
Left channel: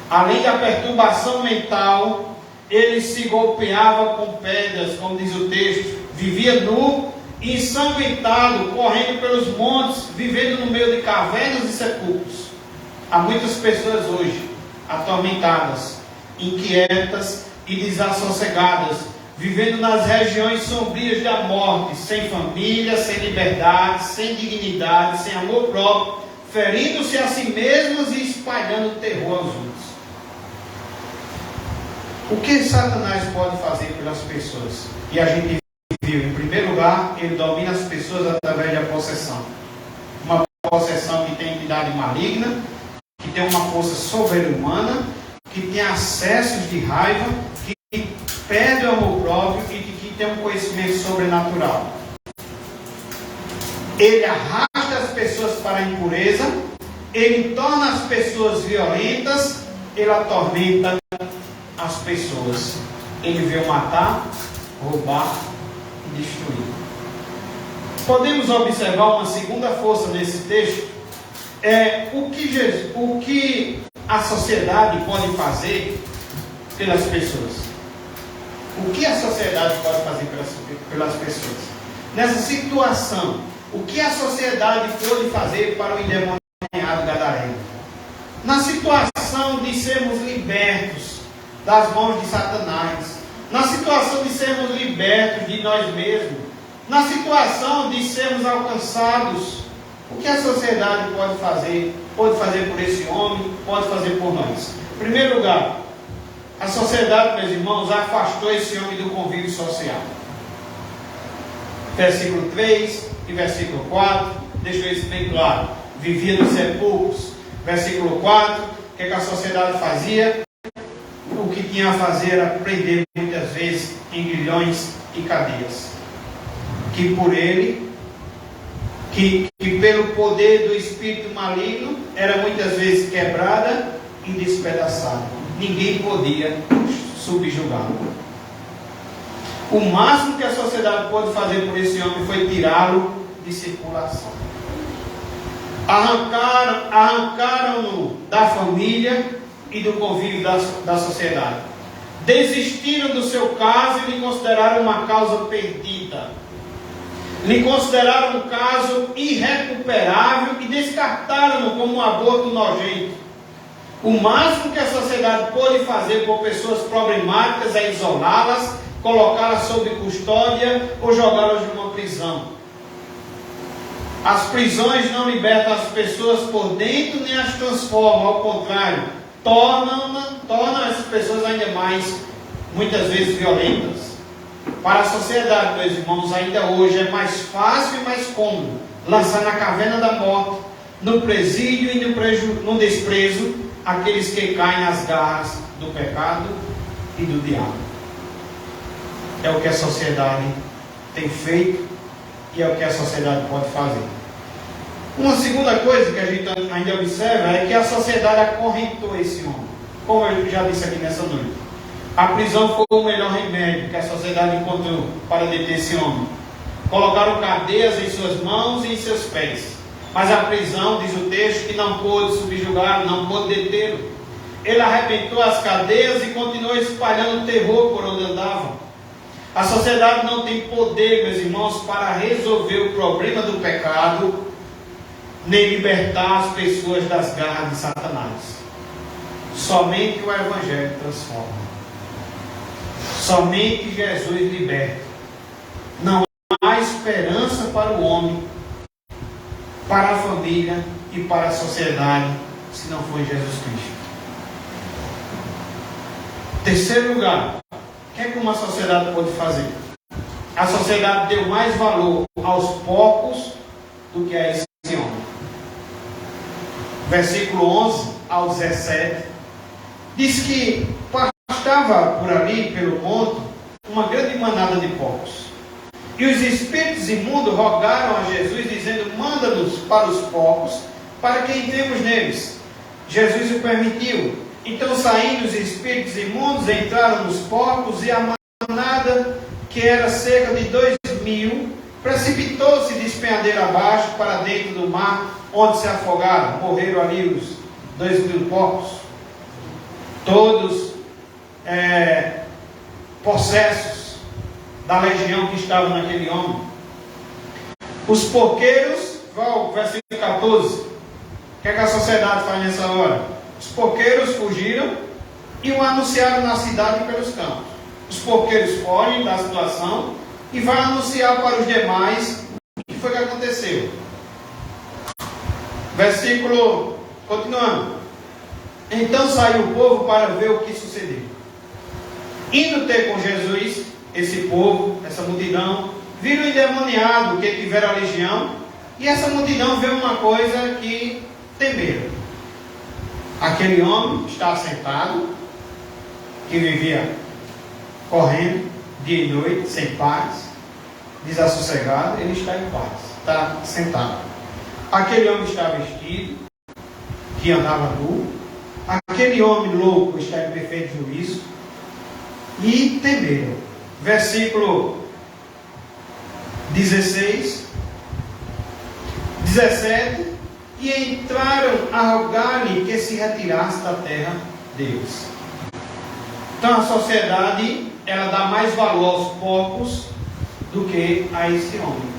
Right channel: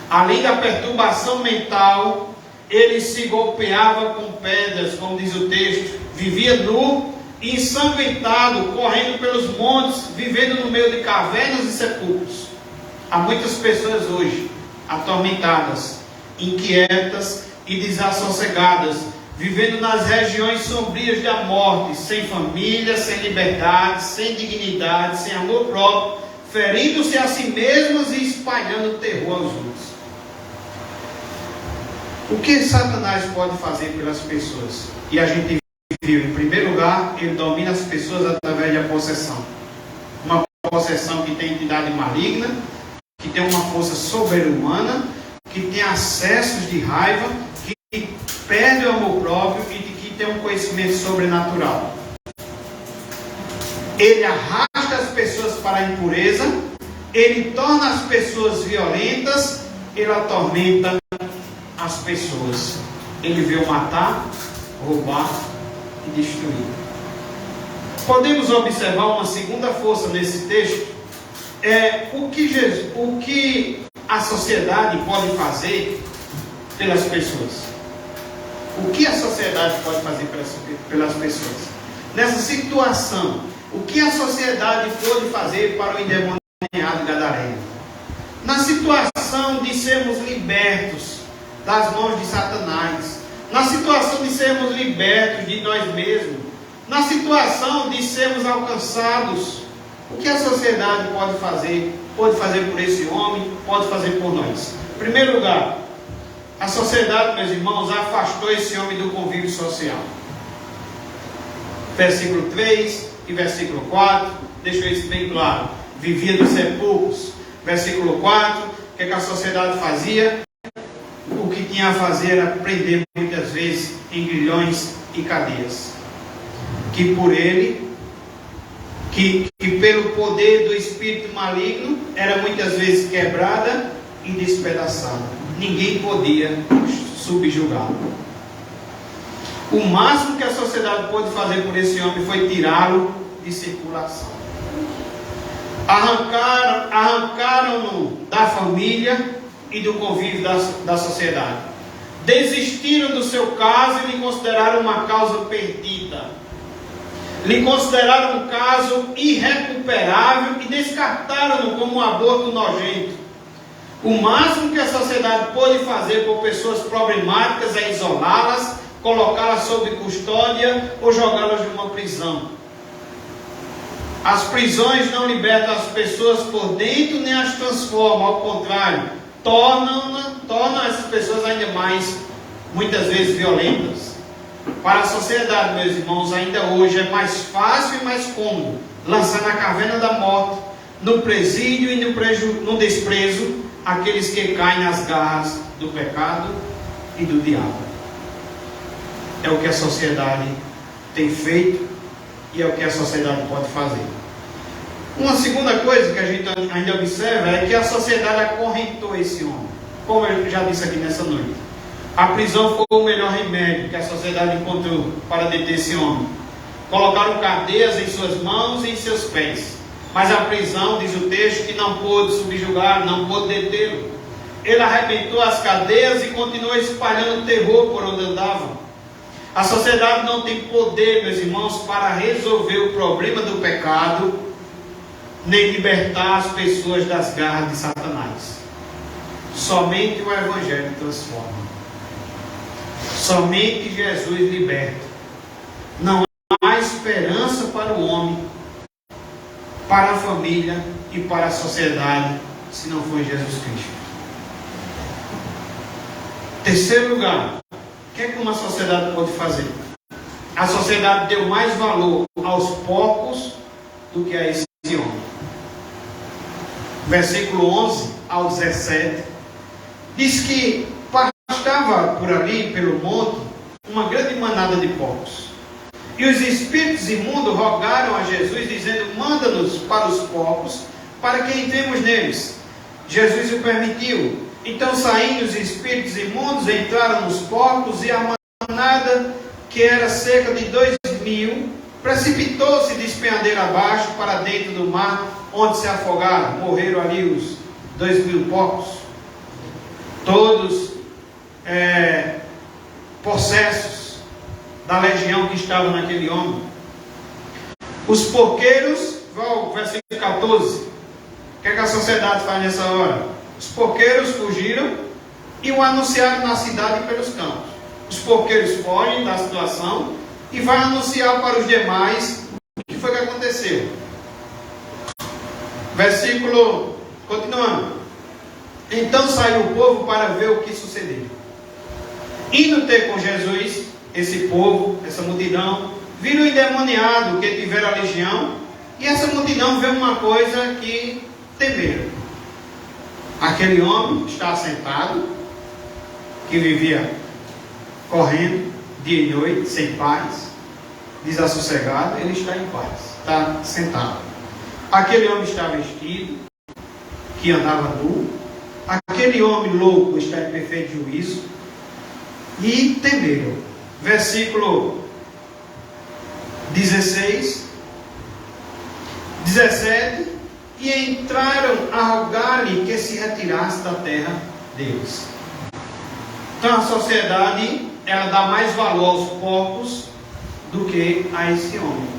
Além da perturbação mental, ele se golpeava com pedras, como diz o texto, vivia nu, ensanguentado, correndo pelos montes, vivendo no meio de cavernas e sepulcros. Há muitas pessoas hoje atormentadas, inquietas e desassossegadas, vivendo nas regiões sombrias da morte, sem família, sem liberdade, sem dignidade, sem amor próprio, ferindo-se a si mesmas e espalhando terror aos outros. O que Satanás pode fazer pelas pessoas? E a gente viu, em primeiro lugar, ele domina as pessoas através da possessão. Uma possessão que tem entidade maligna, tem uma força sobre-humana, que tem acessos de raiva, que perde o amor próprio e que tem um conhecimento sobrenatural. Ele arrasta as pessoas para a impureza, ele torna as pessoas violentas, ele atormenta as pessoas. Ele veio matar, roubar e destruir. Podemos observar uma segunda força nesse texto, o que a sociedade pode fazer pelas pessoas. O que a sociedade pode fazer pelas pessoas? Nessa situação, o que a sociedade pode fazer para o endemoniado gadareno? Na situação de sermos libertos das mãos de Satanás, na situação de sermos libertos de nós mesmos, na situação de sermos alcançados, o que a sociedade pode fazer? Pode fazer por esse homem, pode fazer por nós. Em primeiro lugar, a sociedade, meus irmãos, afastou esse homem do convívio social. Versículo 3 e versículo 4, deixa isso bem claro. Vivia dos sepulcros. Versículo 4, o que a sociedade fazia? O que tinha a fazer era prender muitas vezes em grilhões e cadeias. Que por ele, que pelo poder do espírito maligno, era muitas vezes quebrada e despedaçada. Ninguém podia subjugá-lo. O máximo que a sociedade pôde fazer por esse homem foi tirá-lo de circulação. Arrancaram-no da família e do convívio da sociedade. Desistiram do seu caso e lhe consideraram uma causa perdida. Lhe consideraram um caso irrecuperável e descartaram-no como um aborto nojento. O máximo que a sociedade pôde fazer por pessoas problemáticas é isolá-las, colocá-las sob custódia ou jogá-las numa prisão. As prisões não libertam as pessoas por dentro nem as transformam, ao contrário, tornam essas pessoas ainda mais, muitas vezes, violentas. Para a sociedade, meus irmãos, ainda hoje é mais fácil e mais cômodo lançar na caverna da morte, no presídio e no desprezo, aqueles que caem nas garras do pecado e do diabo. É o que a sociedade tem feito e é o que a sociedade pode fazer. Uma segunda coisa que a gente ainda observa é que a sociedade acorrentou esse homem. Como eu já disse aqui nessa noite, a prisão foi o melhor remédio que a sociedade encontrou para deter esse homem. Colocaram cadeias em suas mãos e em seus pés. Mas a prisão, diz o texto, que não pôde subjugar, não pôde detê-lo. Ele arrebentou as cadeias e continuou espalhando terror por onde andava. A sociedade não tem poder, meus irmãos, para resolver o problema do pecado, nem libertar as pessoas das garras de Satanás. Somente o Evangelho transforma. Somente Jesus liberta. Não há esperança para o homem, para a família e para a sociedade, se não for Jesus Cristo. Terceiro lugar, o que é que uma sociedade pode fazer? A sociedade deu mais valor aos poucos do que a esse homem. Versículo 11 ao 17 diz que pastava por ali, pelo monte, uma grande manada de porcos. E os espíritos imundos rogaram a Jesus, dizendo: manda-nos para os porcos, para que entremos neles. Jesus o permitiu. Então, saindo os espíritos imundos, entraram nos porcos, e a manada, que era cerca de 2.000, precipitou-se de despenhadeira abaixo para dentro do mar, onde se afogaram. Morreram ali os 2.000 porcos, todos possessos da legião que estava naquele homem. Os porqueiros, versículo 14, o que é que a sociedade faz nessa hora? Os porqueiros fugiram e o anunciaram na cidade e pelos campos. Os porqueiros fogem da situação e vão anunciar para os demais o que foi que aconteceu. Versículo, continuando. Então saiu o povo para ver o que sucedeu. Indo ter com Jesus, esse povo, essa multidão, viram o endemoniado que tivera a legião, e essa multidão vê uma coisa que temeram. Aquele homem está sentado, que vivia correndo dia e noite, sem paz, desassossegado, ele está em paz, está sentado. Aquele homem está vestido, que andava nu. Aquele homem louco está em perfeito juízo. E temeram. Versículo 16, 17. E entraram a rogar-lhe que se retirasse da terra deles. Então a sociedade, ela dá mais valor aos porcos do que a esse homem.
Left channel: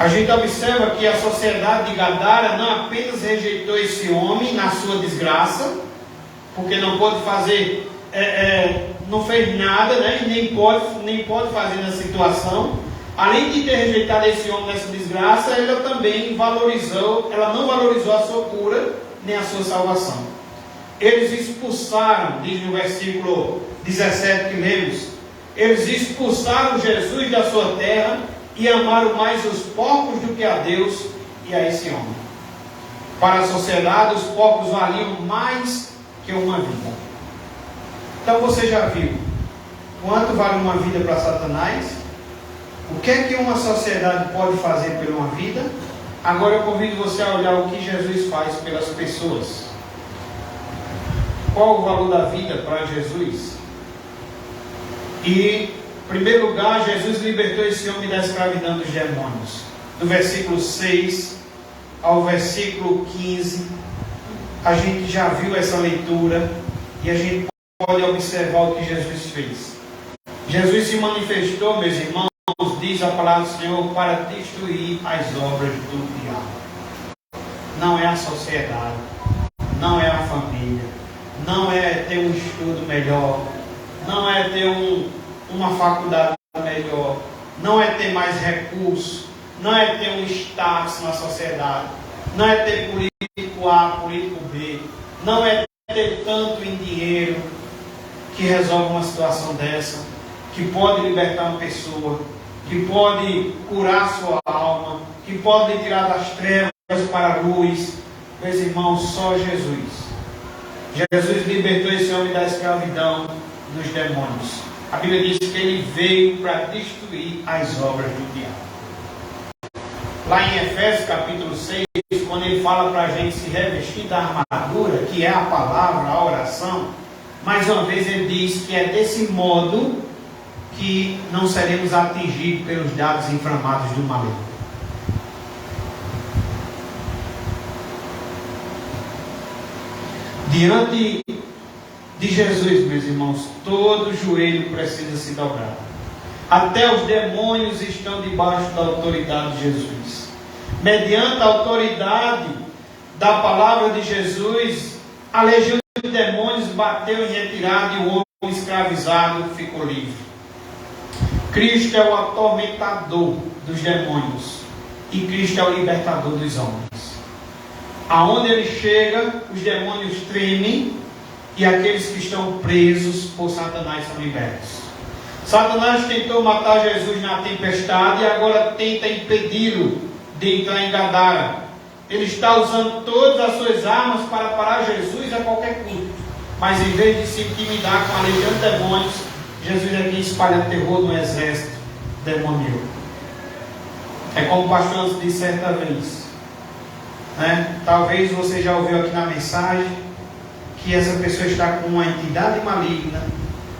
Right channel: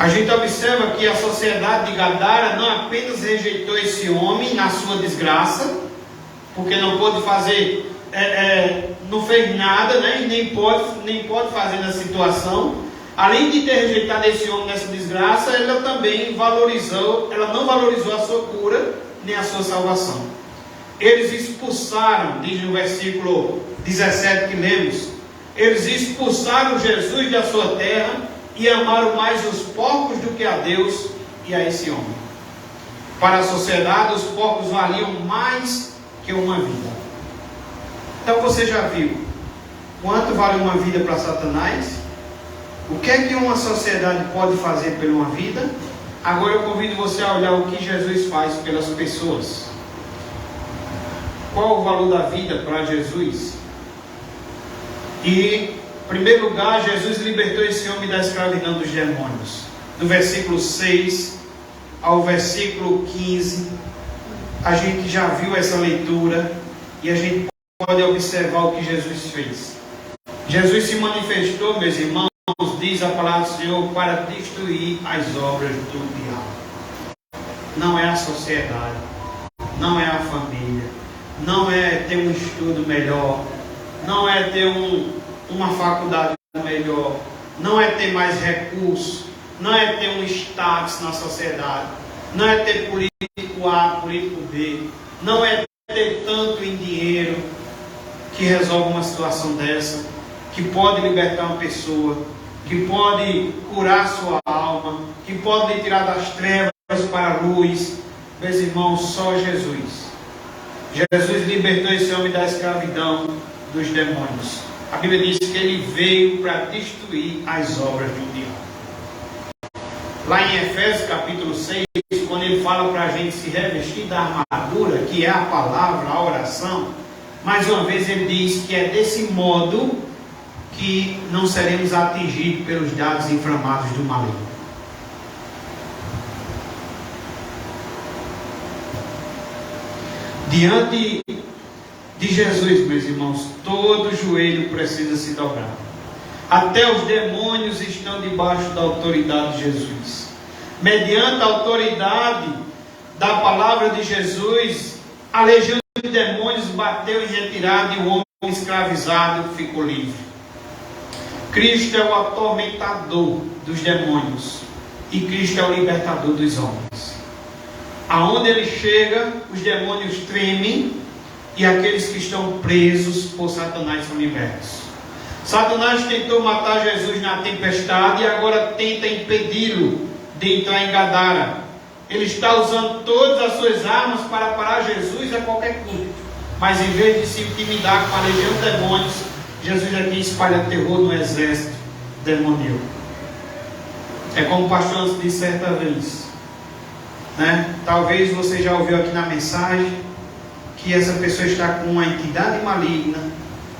A gente observa que a sociedade de Gadara não apenas rejeitou esse homem na sua desgraça, porque não pôde fazer, não fez nada, né? nem pode fazer na situação. Além de ter rejeitado esse homem nessa desgraça, ela também não valorizou a sua cura, nem a sua salvação. Eles expulsaram, diz no versículo 17 que lemos, eles expulsaram Jesus da sua terra e amaram mais os porcos do que a Deus e a esse homem. Para a sociedade, os porcos valiam mais que uma vida. Então você já viu quanto vale uma vida para Satanás? O que é que uma sociedade pode fazer por uma vida? Agora eu convido você a olhar o que Jesus faz pelas pessoas. Qual o valor da vida para Jesus? E, em primeiro lugar, Jesus libertou esse homem da escravidão dos demônios. Do versículo 6 ao versículo 15, a gente já viu essa leitura e a gente pode observar o que Jesus fez. Jesus se manifestou, meus irmãos, diz a palavra do Senhor, para destruir as obras do diabo. Não é a sociedade, não é a família, não é ter um estudo melhor, não é ter uma faculdade melhor, não é ter mais recursos, não é ter um status na sociedade, não é ter político A, político B, não é ter tanto em dinheiro que resolve uma situação dessa, que pode libertar uma pessoa, que pode curar sua alma, que pode tirar das trevas para a luz. Meus irmãos, só Jesus. Jesus libertou esse homem da escravidão dos demônios. A Bíblia diz que ele veio para destruir as obras do diabo. Lá em Efésios capítulo 6, quando ele fala para a gente se revestir da armadura, que é a palavra, a oração, mais uma vez ele diz que é desse modo que não seremos atingidos pelos dardos inflamados do maligno. Diante de Jesus, meus irmãos, todo joelho precisa se dobrar. Até os demônios estão debaixo da autoridade de Jesus. Mediante a autoridade da palavra de Jesus, a legião de demônios bateu em retirada e o homem escravizado ficou livre. Cristo é o atormentador dos demônios e Cristo é o libertador dos homens. Aonde ele chega, os demônios tremem e aqueles que estão presos por Satanás são libertos. Satanás tentou matar Jesus na tempestade e agora tenta impedi-lo de entrar em Gadara. Ele está usando todas as suas armas para parar Jesus a qualquer custo. Mas em vez de se intimidar com a legião de demônios, Jesus aqui espalha terror no exército demoníaco. É como o pastor disse certa vez, né? Talvez você já ouviu aqui na mensagem que essa pessoa está com uma entidade maligna,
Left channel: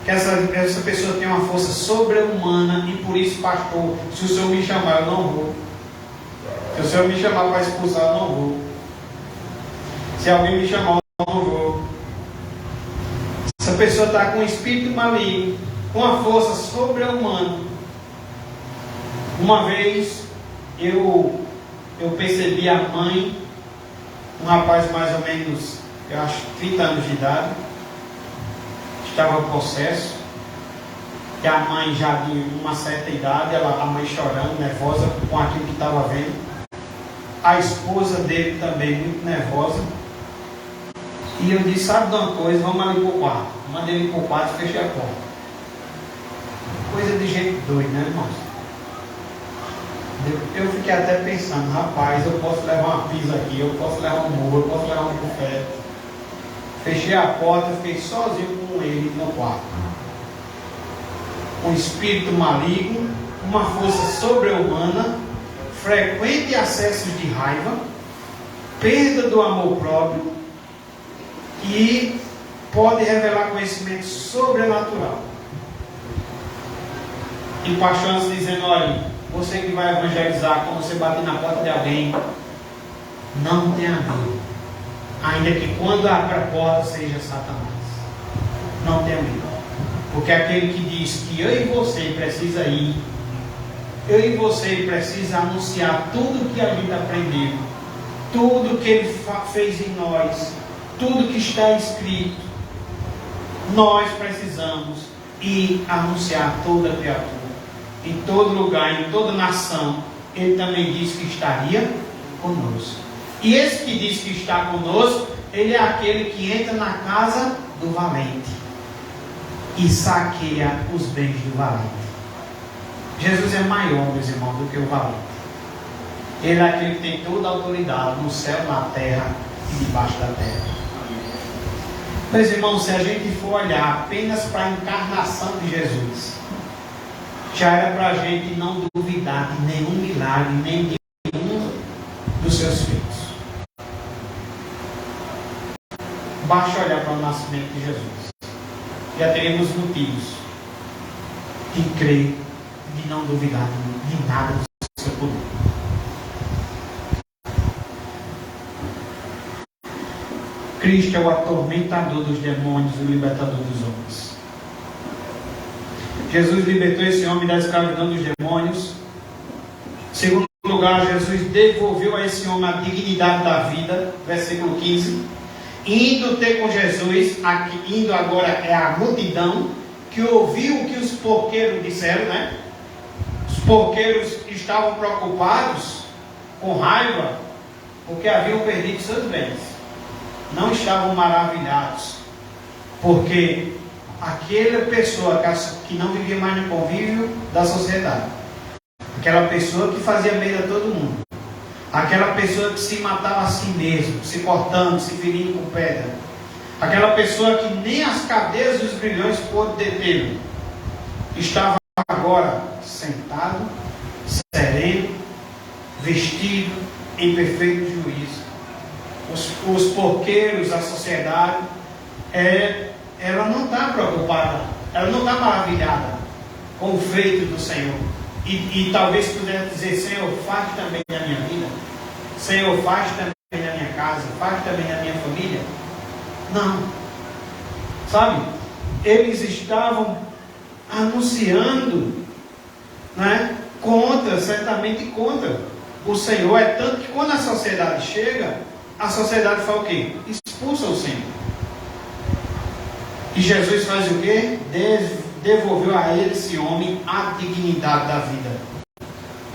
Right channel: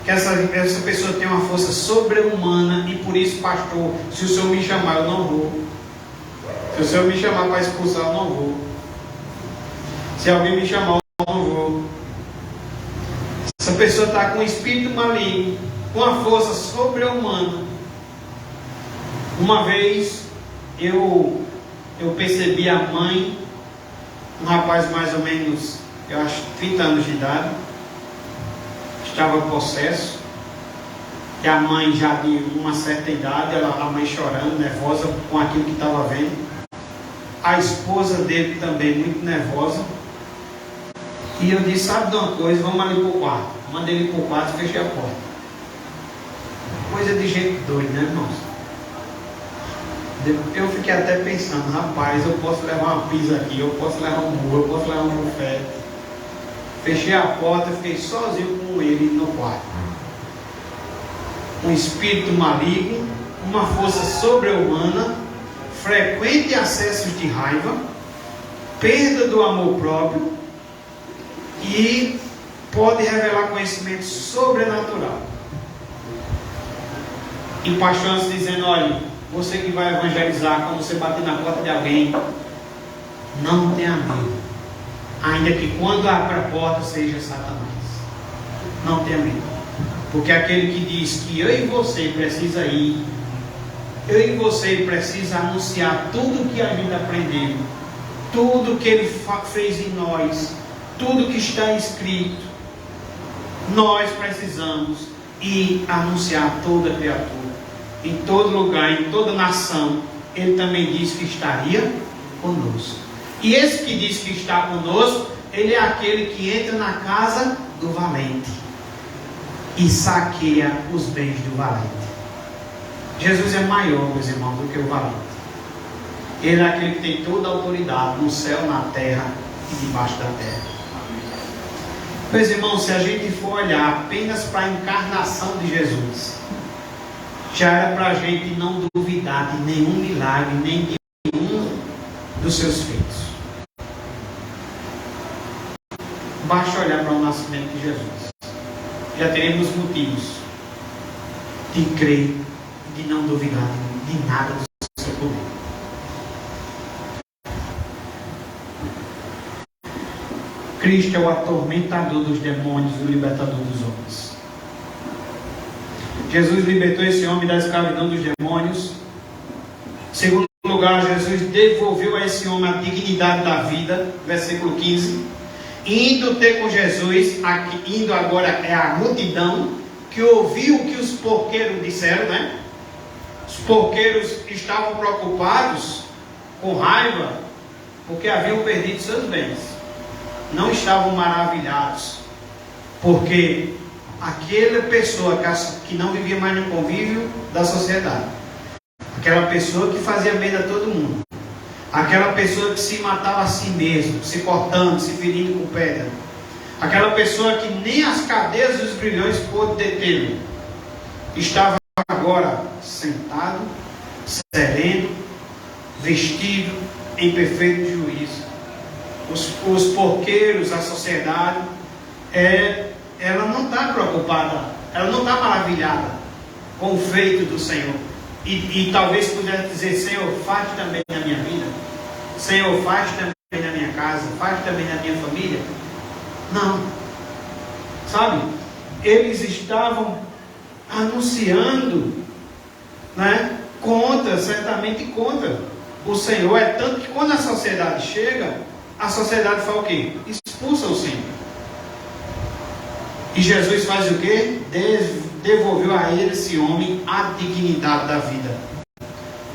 que essa pessoa tem uma força sobre-humana e por isso, pastor, se o Senhor me chamar, eu não vou. Se o Senhor me chamar para expulsar, eu não vou. Se alguém me chamar, eu não vou. Essa pessoa está com um espírito maligno, com uma força sobre-humana. Uma vez eu percebi a mãe, um rapaz mais ou menos, eu acho 30 anos de idade, estava em possesso, e a mãe já de uma certa idade, a mãe chorando, nervosa com aquilo que estava vendo, a esposa dele também muito nervosa, e eu disse, sabe de uma coisa, vamos ali para o quarto. Mandei ele para o quarto e fechei a porta. Coisa de gente doido, né, irmãos? Eu fiquei até pensando, rapaz, eu posso levar uma pizza aqui, eu posso levar um murro, eu posso levar um bufete. Fechei a porta, fiquei sozinho com ele no quarto. Um espírito maligno, uma força sobre-humana, frequente acessos de raiva, perda do amor próprio e pode revelar conhecimento sobrenatural. E pastores dizendo: olha, você que vai evangelizar, quando você bater na porta de alguém, não tenha medo, ainda que quando abra a porta seja Satanás. Não tenha medo, porque aquele que diz que eu e você precisa ir, eu e você precisa anunciar tudo que a gente aprendeu, tudo que ele fez em nós, tudo que está escrito. Nós precisamos ir anunciar toda a criatura, em todo lugar, em toda nação. Ele também disse que estaria conosco. E esse que diz que está conosco, ele é aquele que entra na casa do valente e saqueia os bens do valente. Jesus é maior, meus irmãos, do que o valente. Ele é aquele que tem toda a autoridade no céu, na terra e debaixo da terra. Meus irmãos, se a gente for olhar apenas para a encarnação de Jesus, já era para a gente não duvidar de nenhum milagre, nem de nenhum dos seus feitos. Basta olhar para o nascimento de Jesus, já teremos motivos de crer, de não duvidar de nada do seu poder. Cristo é o atormentador dos demônios, o libertador dos homens. Jesus libertou esse homem da escravidão dos demônios. Em segundo lugar, Jesus devolveu a esse homem a dignidade da vida. Versículo 15. Indo ter com Jesus, indo agora é a multidão, que ouviu o que os porqueiros disseram, né? Os porqueiros estavam preocupados, com raiva, porque haviam perdido seus bens. Não estavam maravilhados, porque aquela pessoa que não vivia mais no convívio da sociedade, aquela pessoa que fazia medo a todo mundo, aquela pessoa que se matava a si mesmo, se cortando, se ferindo com pedra, aquela pessoa que nem as cadeias dos grilhões pôde detê-lo, estava agora sentado, sereno, vestido em perfeito juízo. Os porqueiros, a sociedade, ela não está preocupada, ela não está maravilhada com o feito do Senhor. E talvez pudesse dizer: Senhor, faz também na minha vida, Senhor, faz também na minha casa, faz também na minha família. Não, sabe, eles estavam anunciando, né, certamente contra o Senhor. É tanto que quando a sociedade chega, a sociedade faz o quê? Expulsa o Senhor. E Jesus faz o quê? Devolveu a ele, esse homem, a dignidade da vida.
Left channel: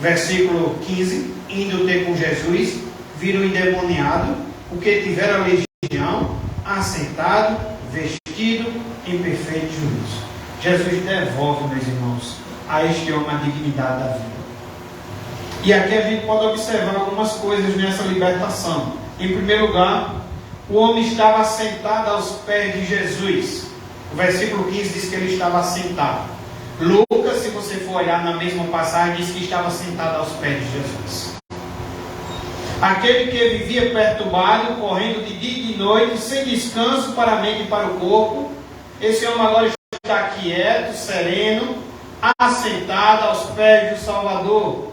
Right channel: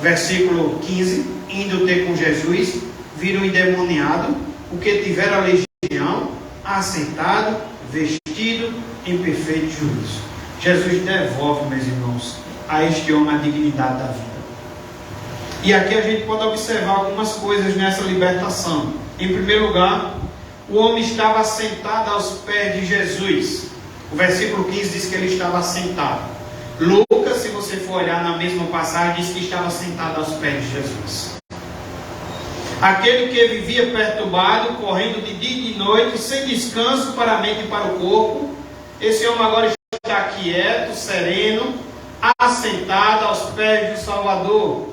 Versículo 15. Indo ter com Jesus, viram o endemoniado, o que tivera a legião, assentado, vestido em perfeito juízo. Jesus devolve, meus irmãos, a este homem a dignidade da vida. E aqui a gente pode observar algumas coisas nessa libertação. Em primeiro lugar, o homem estava sentado aos pés de Jesus. O versículo 15 diz que ele estava sentado. Lucas, se você for olhar na mesma passagem, diz que estava sentado aos pés de Jesus. Aquele que vivia perturbado, correndo de dia e de noite, sem descanso para a mente e para o corpo, esse homem agora está quieto, sereno, assentado aos pés do Salvador.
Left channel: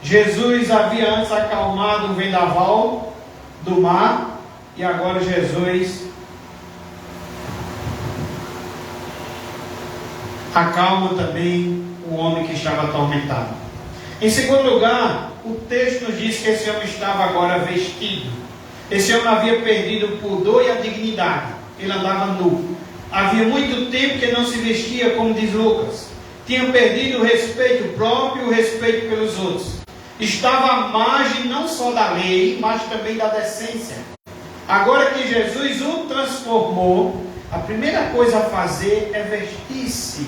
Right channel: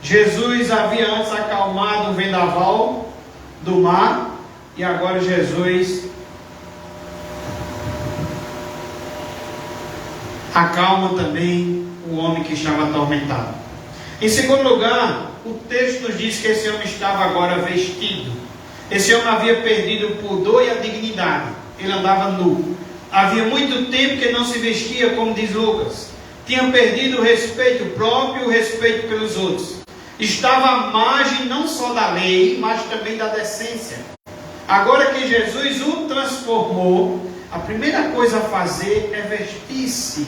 Jesus havia antes acalmado o vendaval do mar, e agora Jesus acalma também o homem que estava atormentado. Em segundo lugar, o texto nos diz que esse homem estava agora vestido. Esse homem havia perdido o pudor e a dignidade. Ele andava nu. Havia muito tempo que não se vestia, como diz Lucas. Tinha perdido o respeito próprio e o respeito pelos outros. Estava à margem não só da lei, mas também da decência. Agora que Jesus o transformou, a primeira coisa a fazer é vestir-se,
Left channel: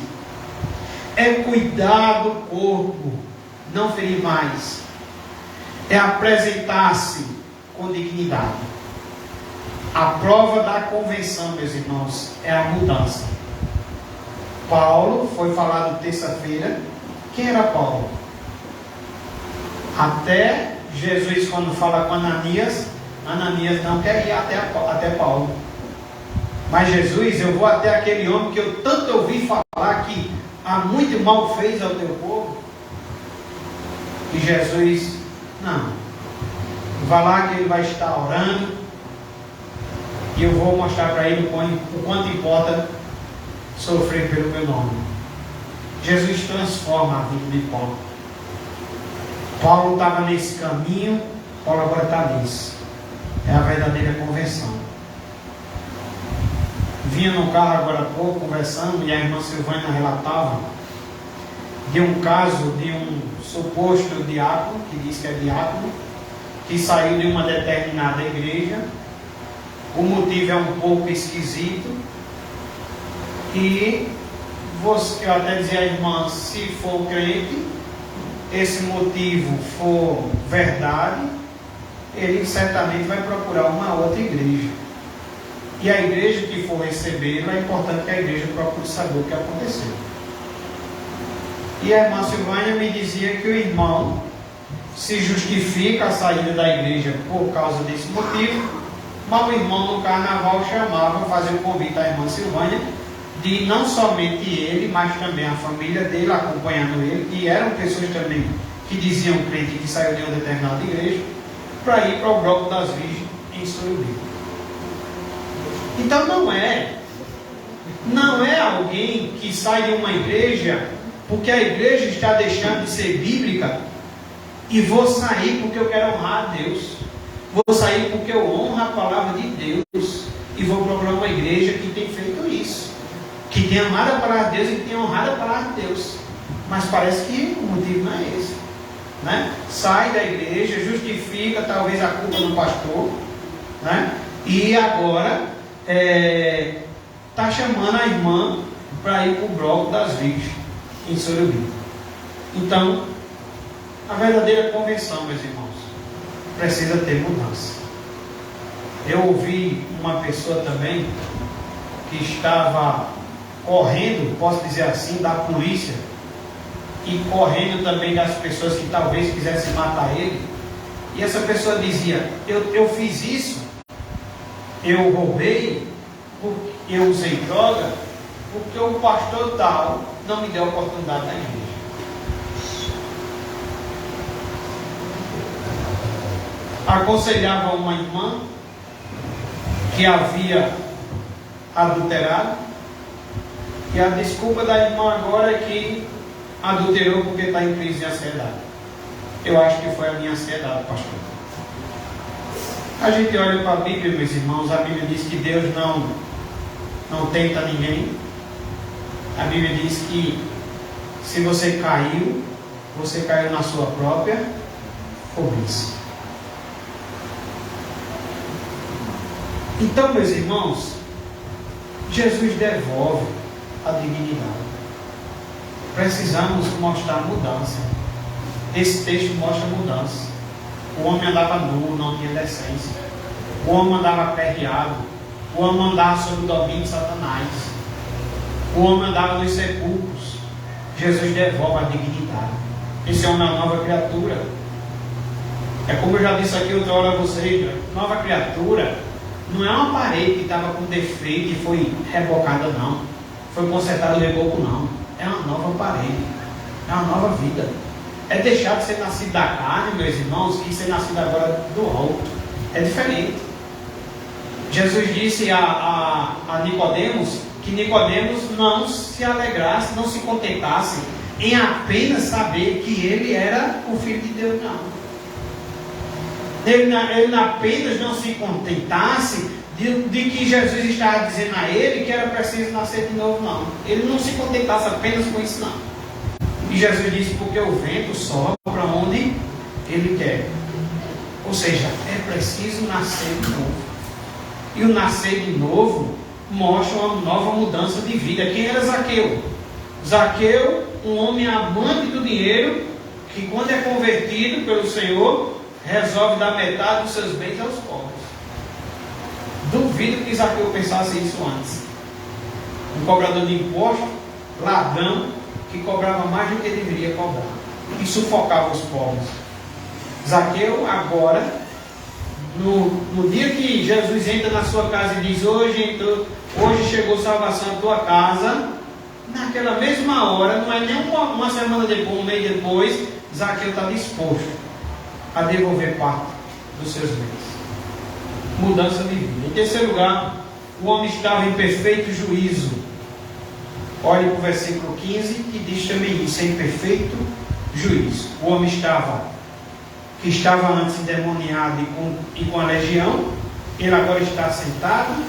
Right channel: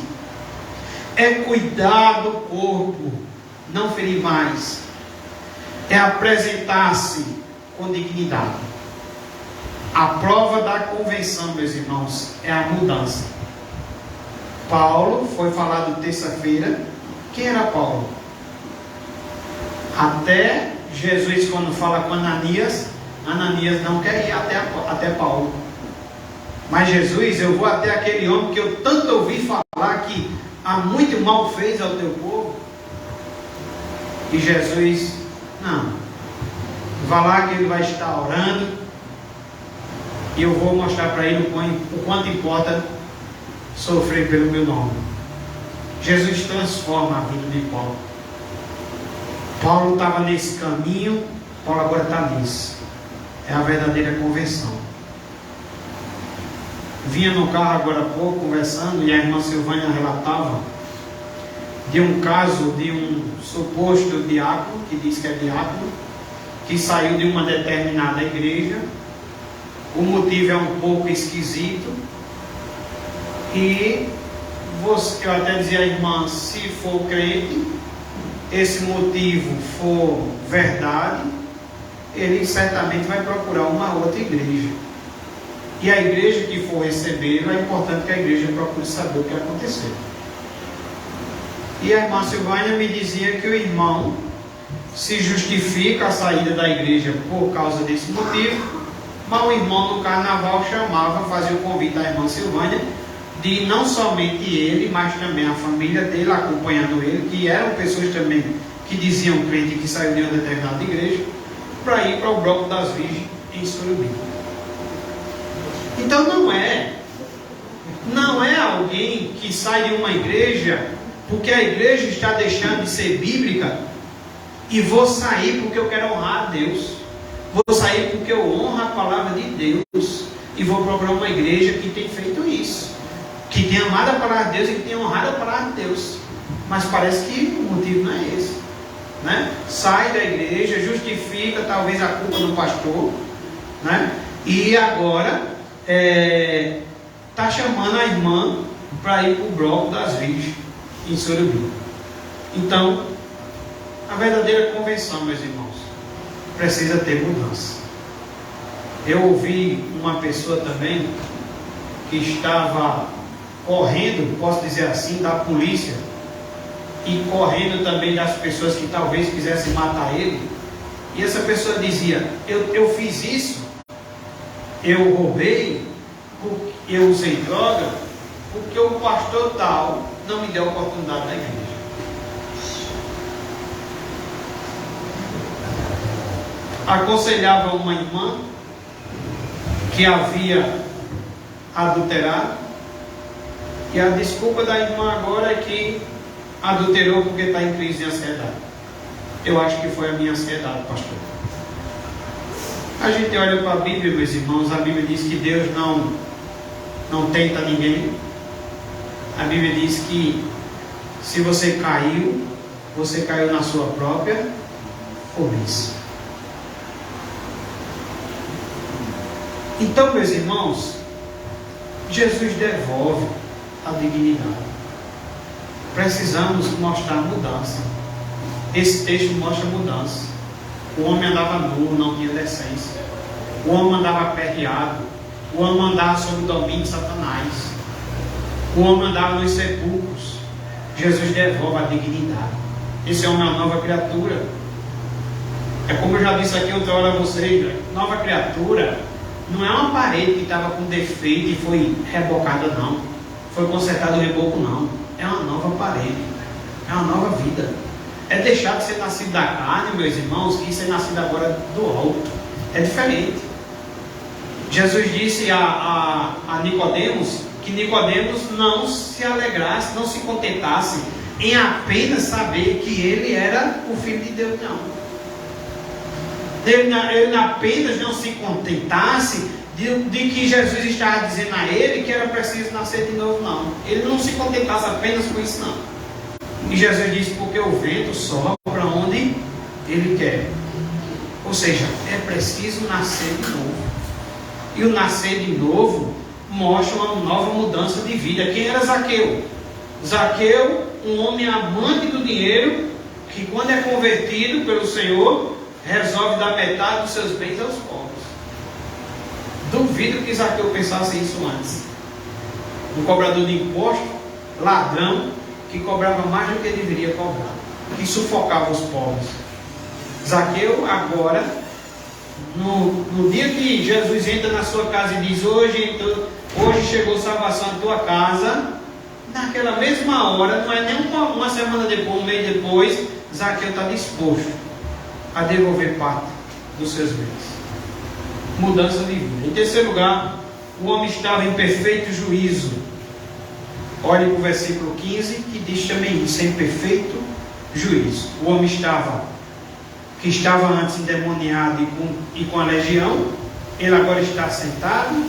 é cuidar do corpo, não ferir mais, é apresentar-se com dignidade. A prova da conversão, meus irmãos, é a mudança. Paulo foi falado terça-feira. Quem era Paulo? Até Jesus, quando fala com Ananias, Ananias não quer ir até Paulo. Mas Jesus, eu vou até aquele homem que eu tanto ouvi falar que há muito mal fez ao teu povo. E Jesus, não. Vá lá que ele vai estar orando. E eu vou mostrar para ele o quanto importa sofrer pelo meu nome. Jesus transforma a vida de Paulo. Paulo estava nesse caminho, Paulo agora está nesse. É a verdadeira conversão. Vinha no carro agora há pouco conversando e a irmã Silvânia relatava de um caso de um suposto diácono, que diz que é diácono, que saiu de uma determinada igreja. O motivo é um pouco esquisito. E eu até dizia à irmã, se for crente, esse motivo for verdade, ele certamente vai procurar uma outra igreja. E a igreja que for recebê-lo, é importante que a igreja procure saber o que aconteceu. E a irmã Silvânia me dizia que o irmão se justifica a saída da igreja por causa desse motivo, mas o irmão no carnaval chamava, fazia o convite à irmã Silvânia, de não somente ele, mas também a família dele acompanhando ele, que eram pessoas também que diziam crente que saiu de uma determinada igreja, para ir para o bloco das virgens em Sorobim. Então não é alguém que sai de uma igreja porque a igreja está deixando de ser bíblica e vou sair porque eu quero honrar a Deus, vou sair porque eu honro a palavra de Deus e vou procurar uma igreja que tem feito isso, que tem amado a palavra de Deus e que tem honrado a palavra de Deus. Mas parece que o motivo não é esse, né? Sai da igreja, justifica talvez a culpa do pastor, né? E agora está chamando a irmã para ir para o bloco das virgens em Sorobim. Então, a verdadeira convenção, meus irmãos, precisa ter mudança. Eu ouvi uma pessoa também que estava correndo, posso dizer assim, da polícia e correndo também das pessoas que talvez quisessem matar ele. E essa pessoa dizia, eu fiz isso, eu roubei, eu usei droga, porque o pastor tal não me deu a oportunidade na igreja. Aconselhava uma irmã que havia adulterado, e a desculpa da irmã agora é que adulterou porque está em crise de ansiedade. Eu acho que foi a minha ansiedade, pastor. A gente olha para a Bíblia, meus irmãos, a Bíblia diz que Deus não tenta ninguém. A Bíblia diz que se você caiu na sua própria cobiça. Então, meus irmãos, Jesus devolve a dignidade. Precisamos mostrar mudança. Esse texto mostra mudança. O homem andava nu, não tinha decência. O homem andava perreado. O homem andava sob o domínio de Satanás. O homem andava nos sepulcros. Jesus devolve a dignidade. Esse homem é uma nova criatura. É como eu já disse aqui outra hora a vocês, nova criatura não é uma parede que estava com defeito e foi rebocada, não. Foi consertado o reboco, não. É uma nova parede. É uma nova vida. É deixar de ser nascido da carne, meus irmãos, que ser nascido agora do alto. É diferente. Jesus disse a Nicodemos que Nicodemos não se alegrasse, não se contentasse em apenas saber que ele era o Filho de Deus, não. Ele apenas não se contentasse de que Jesus estava dizendo a ele que era preciso nascer de novo, não. Ele não se contentasse apenas com isso, não. E Jesus disse, porque o vento sopra onde ele quer. Ou seja, é preciso nascer de novo. E o nascer de novo mostra uma nova mudança de vida. Quem era Zaqueu? Zaqueu, um homem amante do dinheiro, que quando é convertido pelo Senhor, resolve dar metade dos seus bens aos pobres. Do duvido que Zaqueu pensasse isso antes. Um cobrador de imposto, ladrão, que cobrava mais do que deveria cobrar, que sufocava os pobres. Zaqueu agora, no dia que Jesus entra na sua casa e diz, hoje chegou salvação à tua casa, naquela mesma hora, não é nem uma semana depois, um mês depois, Zaqueu está disposto a devolver parte dos seus bens. Mudança de vida. Em terceiro lugar, o homem estava em perfeito juízo. Olhe para o versículo 15, que diz também isso, em perfeito juízo. O homem que estava antes endemoniado e com a legião, ele agora está sentado,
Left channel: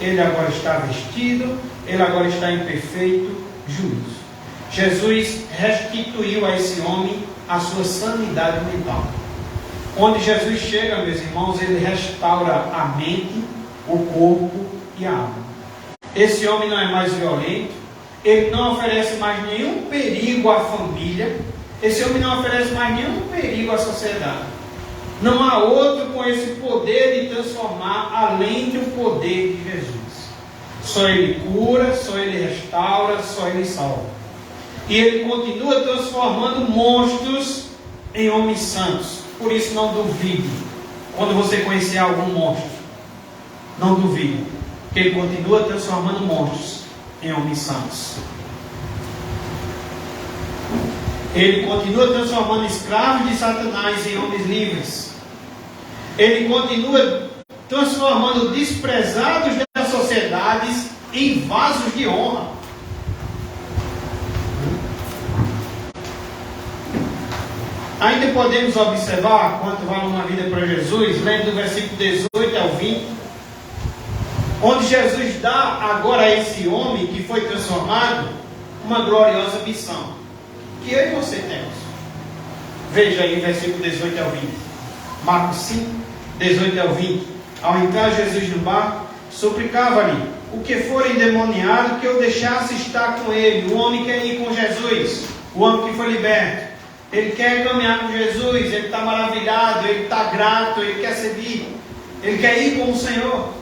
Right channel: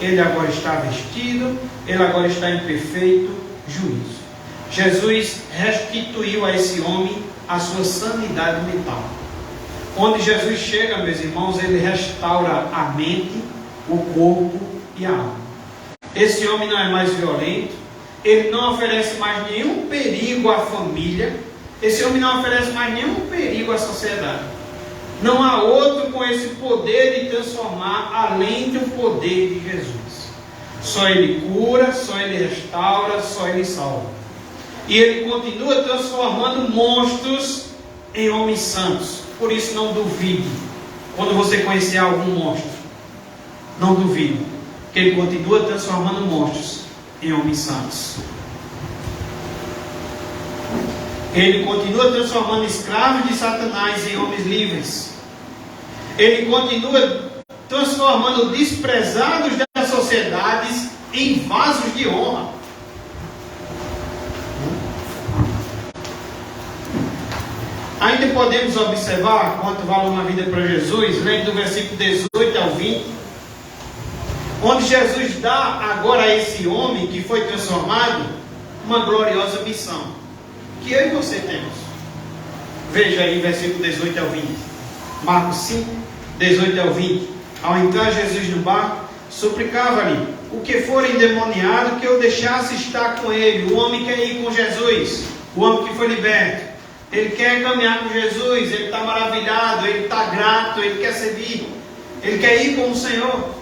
ele agora está vestido, ele agora está em perfeito juízo. Jesus restituiu a esse homem a sua sanidade mental. Onde Jesus chega, meus irmãos, ele restaura a mente, o corpo e a alma. Esse homem não é mais violento, ele não oferece mais nenhum perigo à família, esse homem não oferece mais nenhum perigo à sociedade. Não há outro com esse poder de transformar além do poder de Jesus. Só ele cura, só ele restaura, só ele salva. E ele continua transformando monstros em homens santos. Por isso não duvide, quando você conhecer algum monstro, não duvide, que ele continua transformando monstros em homens santos. Ele continua transformando escravos de Satanás em homens livres. Ele continua transformando desprezados das sociedades em vasos de honra. Ainda podemos observar quanto vale uma vida para Jesus, lendo do versículo 18 ao 20, onde Jesus dá agora a esse homem que foi transformado uma gloriosa missão, que eu e você temos. Veja aí o versículo 18 ao 20. Marcos 5, 18 ao 20. Ao entrar Jesus no barco, suplicava-lhe o que for endemoniado que eu deixasse estar com ele. O homem quer ir com Jesus, o homem que foi liberto. Ele quer caminhar com Jesus, ele está maravilhado, ele está grato, ele quer servir, ele quer ir com o Senhor.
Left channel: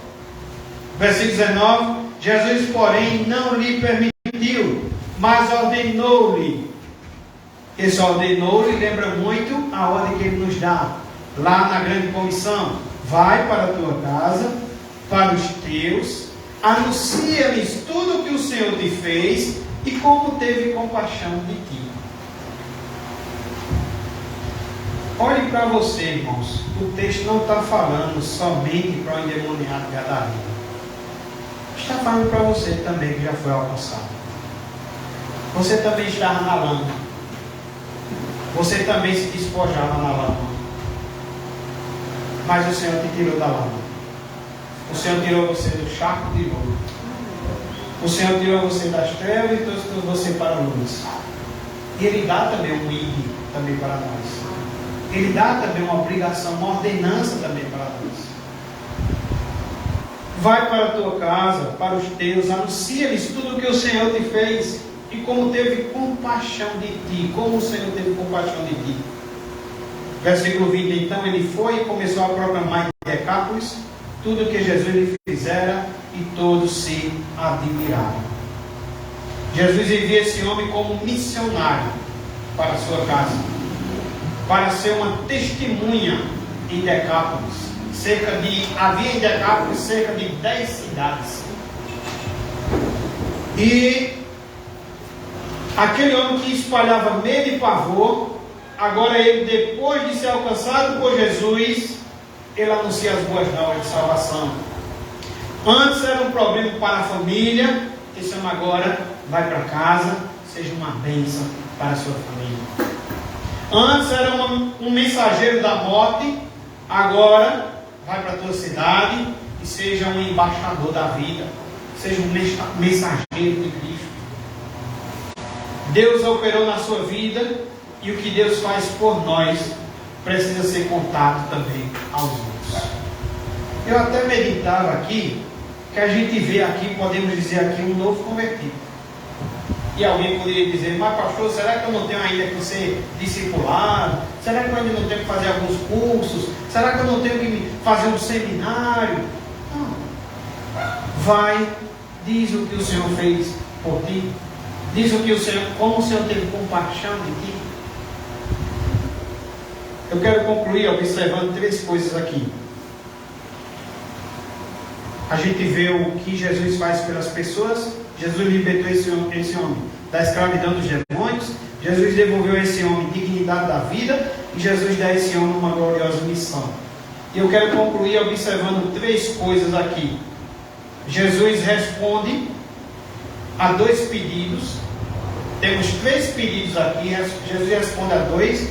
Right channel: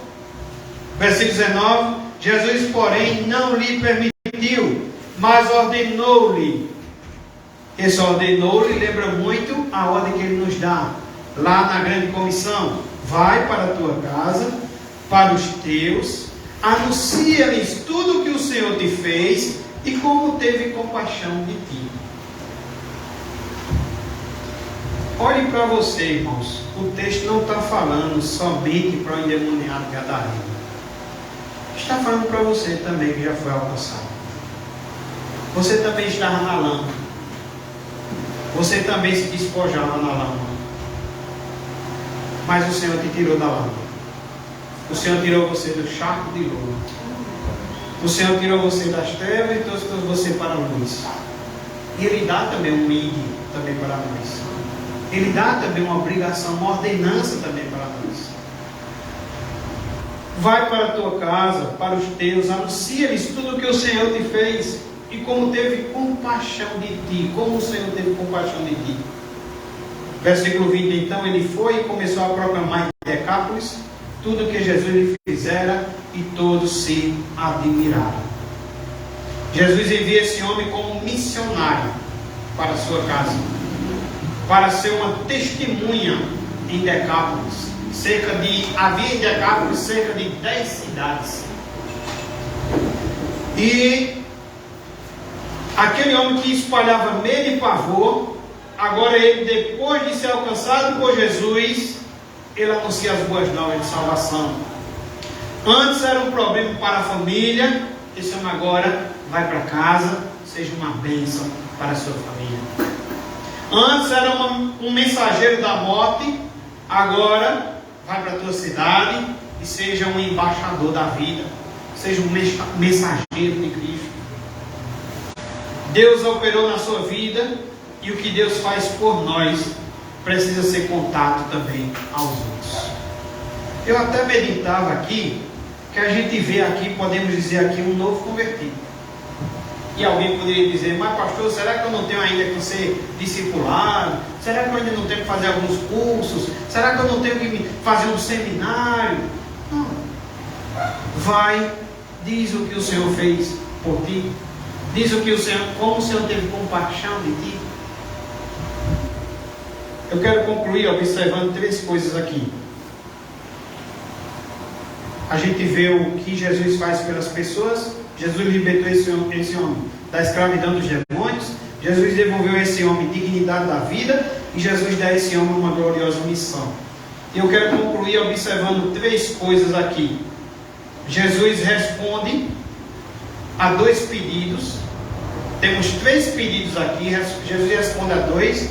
Versículo 19: Jesus, porém, não lhe permitiu, mas ordenou-lhe. Esse ordenou-lhe lembra muito a ordem que ele nos dá lá na grande comissão: vai para a tua casa, para os teus, anuncia-lhes tudo o que o Senhor te fez e como teve compaixão de ti. Olhe para você, irmãos. O texto não está falando somente para o endemoniado gadareno. Está falando para você também que já foi alcançado. Você também está na lama. Você também se despojava na lama. Mas o Senhor te tirou da lama. O Senhor tirou você do charco de lodo. O Senhor tirou você das trevas e trouxe você para a luz. E Ele dá também um ID também para nós. Ele dá também uma obrigação, uma ordenança também para nós. Vai para a tua casa, para os teus, anuncia-lhes tudo o que o Senhor te fez e como teve compaixão de ti, como o Senhor teve compaixão de ti. Versículo 20, então ele foi e começou a proclamar em Decápolis tudo o que Jesus lhe fizera e todos se admiraram. Jesus envia esse homem como missionário para a sua casa, para ser uma testemunha em Decápolis. Havia em Decápolis cerca de 10 cidades. E aquele homem que espalhava medo e pavor, agora ele, depois de ser alcançado por Jesus, ele anuncia as boas novas de salvação. Antes era um problema para a família, esse homem agora vai para casa, seja uma bênção para a sua família. Antes era um mensageiro da morte, agora vai para a tua cidade e seja um embaixador da vida, seja um mensageiro de Cristo. Deus operou na sua vida e o que Deus faz por nós precisa ser contado também aos outros. Eu até meditava aqui que a gente vê aqui, podemos dizer aqui, um novo convertido. E alguém poderia dizer, mas pastor, será que eu não tenho ainda que ser discipulado? Será que eu ainda não tenho que fazer alguns cursos? Será que eu não tenho que fazer um seminário? Não. Vai, diz o que o Senhor fez por ti. Diz o que o Senhor, como o Senhor teve compaixão de ti. Eu quero concluir observando 3 coisas aqui. A gente vê o que Jesus faz pelas pessoas. Jesus libertou esse homem da escravidão dos demônios. Jesus devolveu a esse homem dignidade da vida. E Jesus dá a esse homem uma gloriosa missão. E eu quero concluir observando 3 coisas aqui. Jesus responde a 2 pedidos. Temos 3 pedidos aqui. Jesus responde a 2.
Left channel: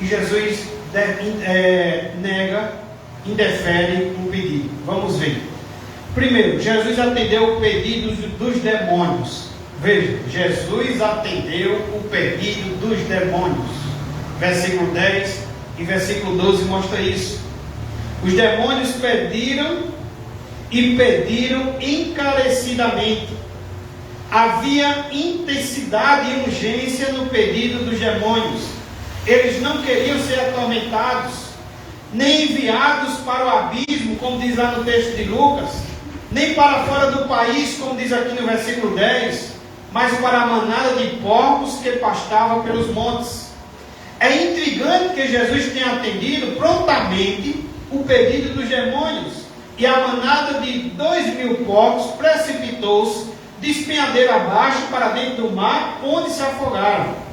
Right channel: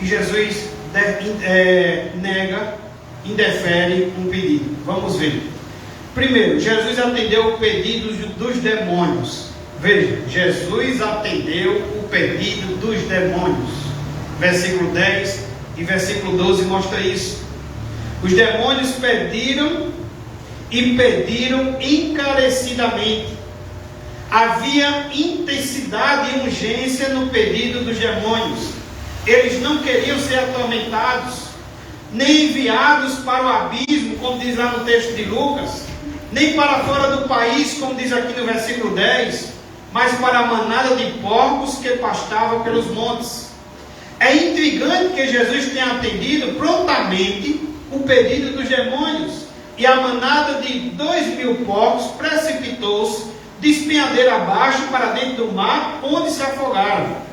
E Jesus nega, indefere um pedido. Vamos ver. Primeiro, Jesus atendeu o pedido dos demônios. Veja, Jesus atendeu o pedido dos demônios. Versículo 10 e versículo 12 mostra isso. Os demônios pediram e pediram encarecidamente. Havia intensidade e urgência no pedido dos demônios. Eles não queriam ser atormentados, nem enviados para o abismo, como diz lá no texto de Lucas, nem para fora do país, como diz aqui no versículo 10, mas para a manada de porcos que pastava pelos montes. É intrigante que Jesus tenha atendido prontamente o pedido dos demônios, e a manada de 2.000 porcos precipitou-se de espinhadeira abaixo para dentro do mar, onde se afogaram.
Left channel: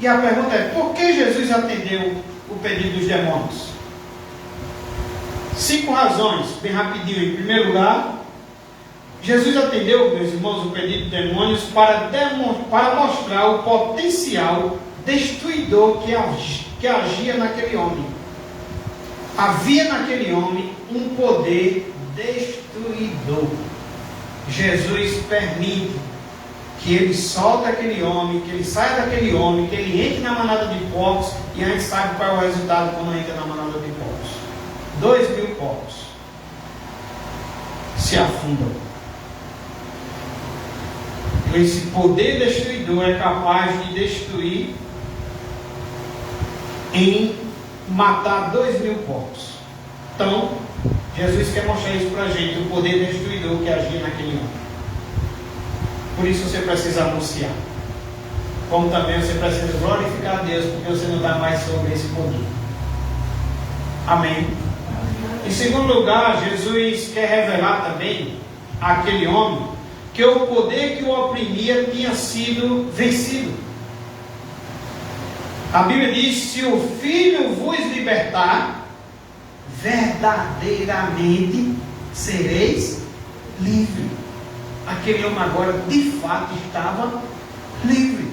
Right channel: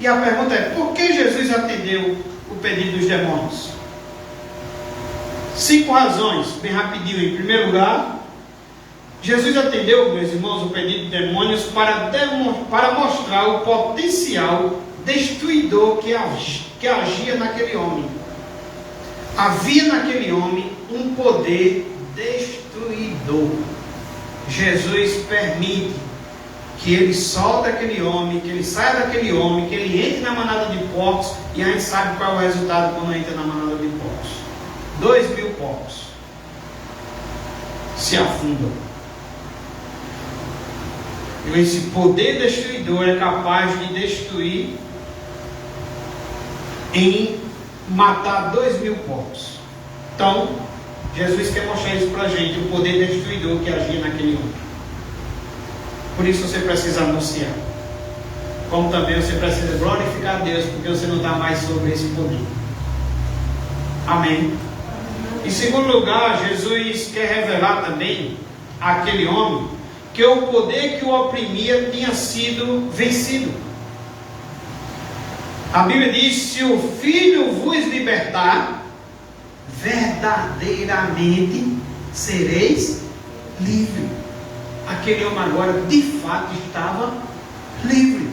E a pergunta é, por que Jesus atendeu o pedido dos demônios? 5 razões, bem rapidinho. Em primeiro lugar, Jesus atendeu, meus irmãos, o pedido dos demônios para mostrar o potencial destruidor que agia naquele homem. Havia naquele homem um poder destruidor. Jesus permite que ele solte aquele homem, que ele saia daquele homem, que ele entre na manada de porcos, e a gente sabe qual é o resultado quando entra na manada de porcos. 2.000 porcos se afundam. Esse poder destruidor é capaz de destruir em matar 2.000 porcos. Então, Jesus quer mostrar isso para a gente, o poder destruidor que agia naquele homem. Por isso você precisa anunciar. Como também você precisa glorificar a Deus, porque você não dá mais sobre esse poder. Amém. Em segundo lugar, Jesus quer revelar também àquele homem que o poder que o oprimia tinha sido vencido. A Bíblia diz: se o Filho vos libertar, verdadeiramente sereis livres. Aquele homem agora de fato estava livre.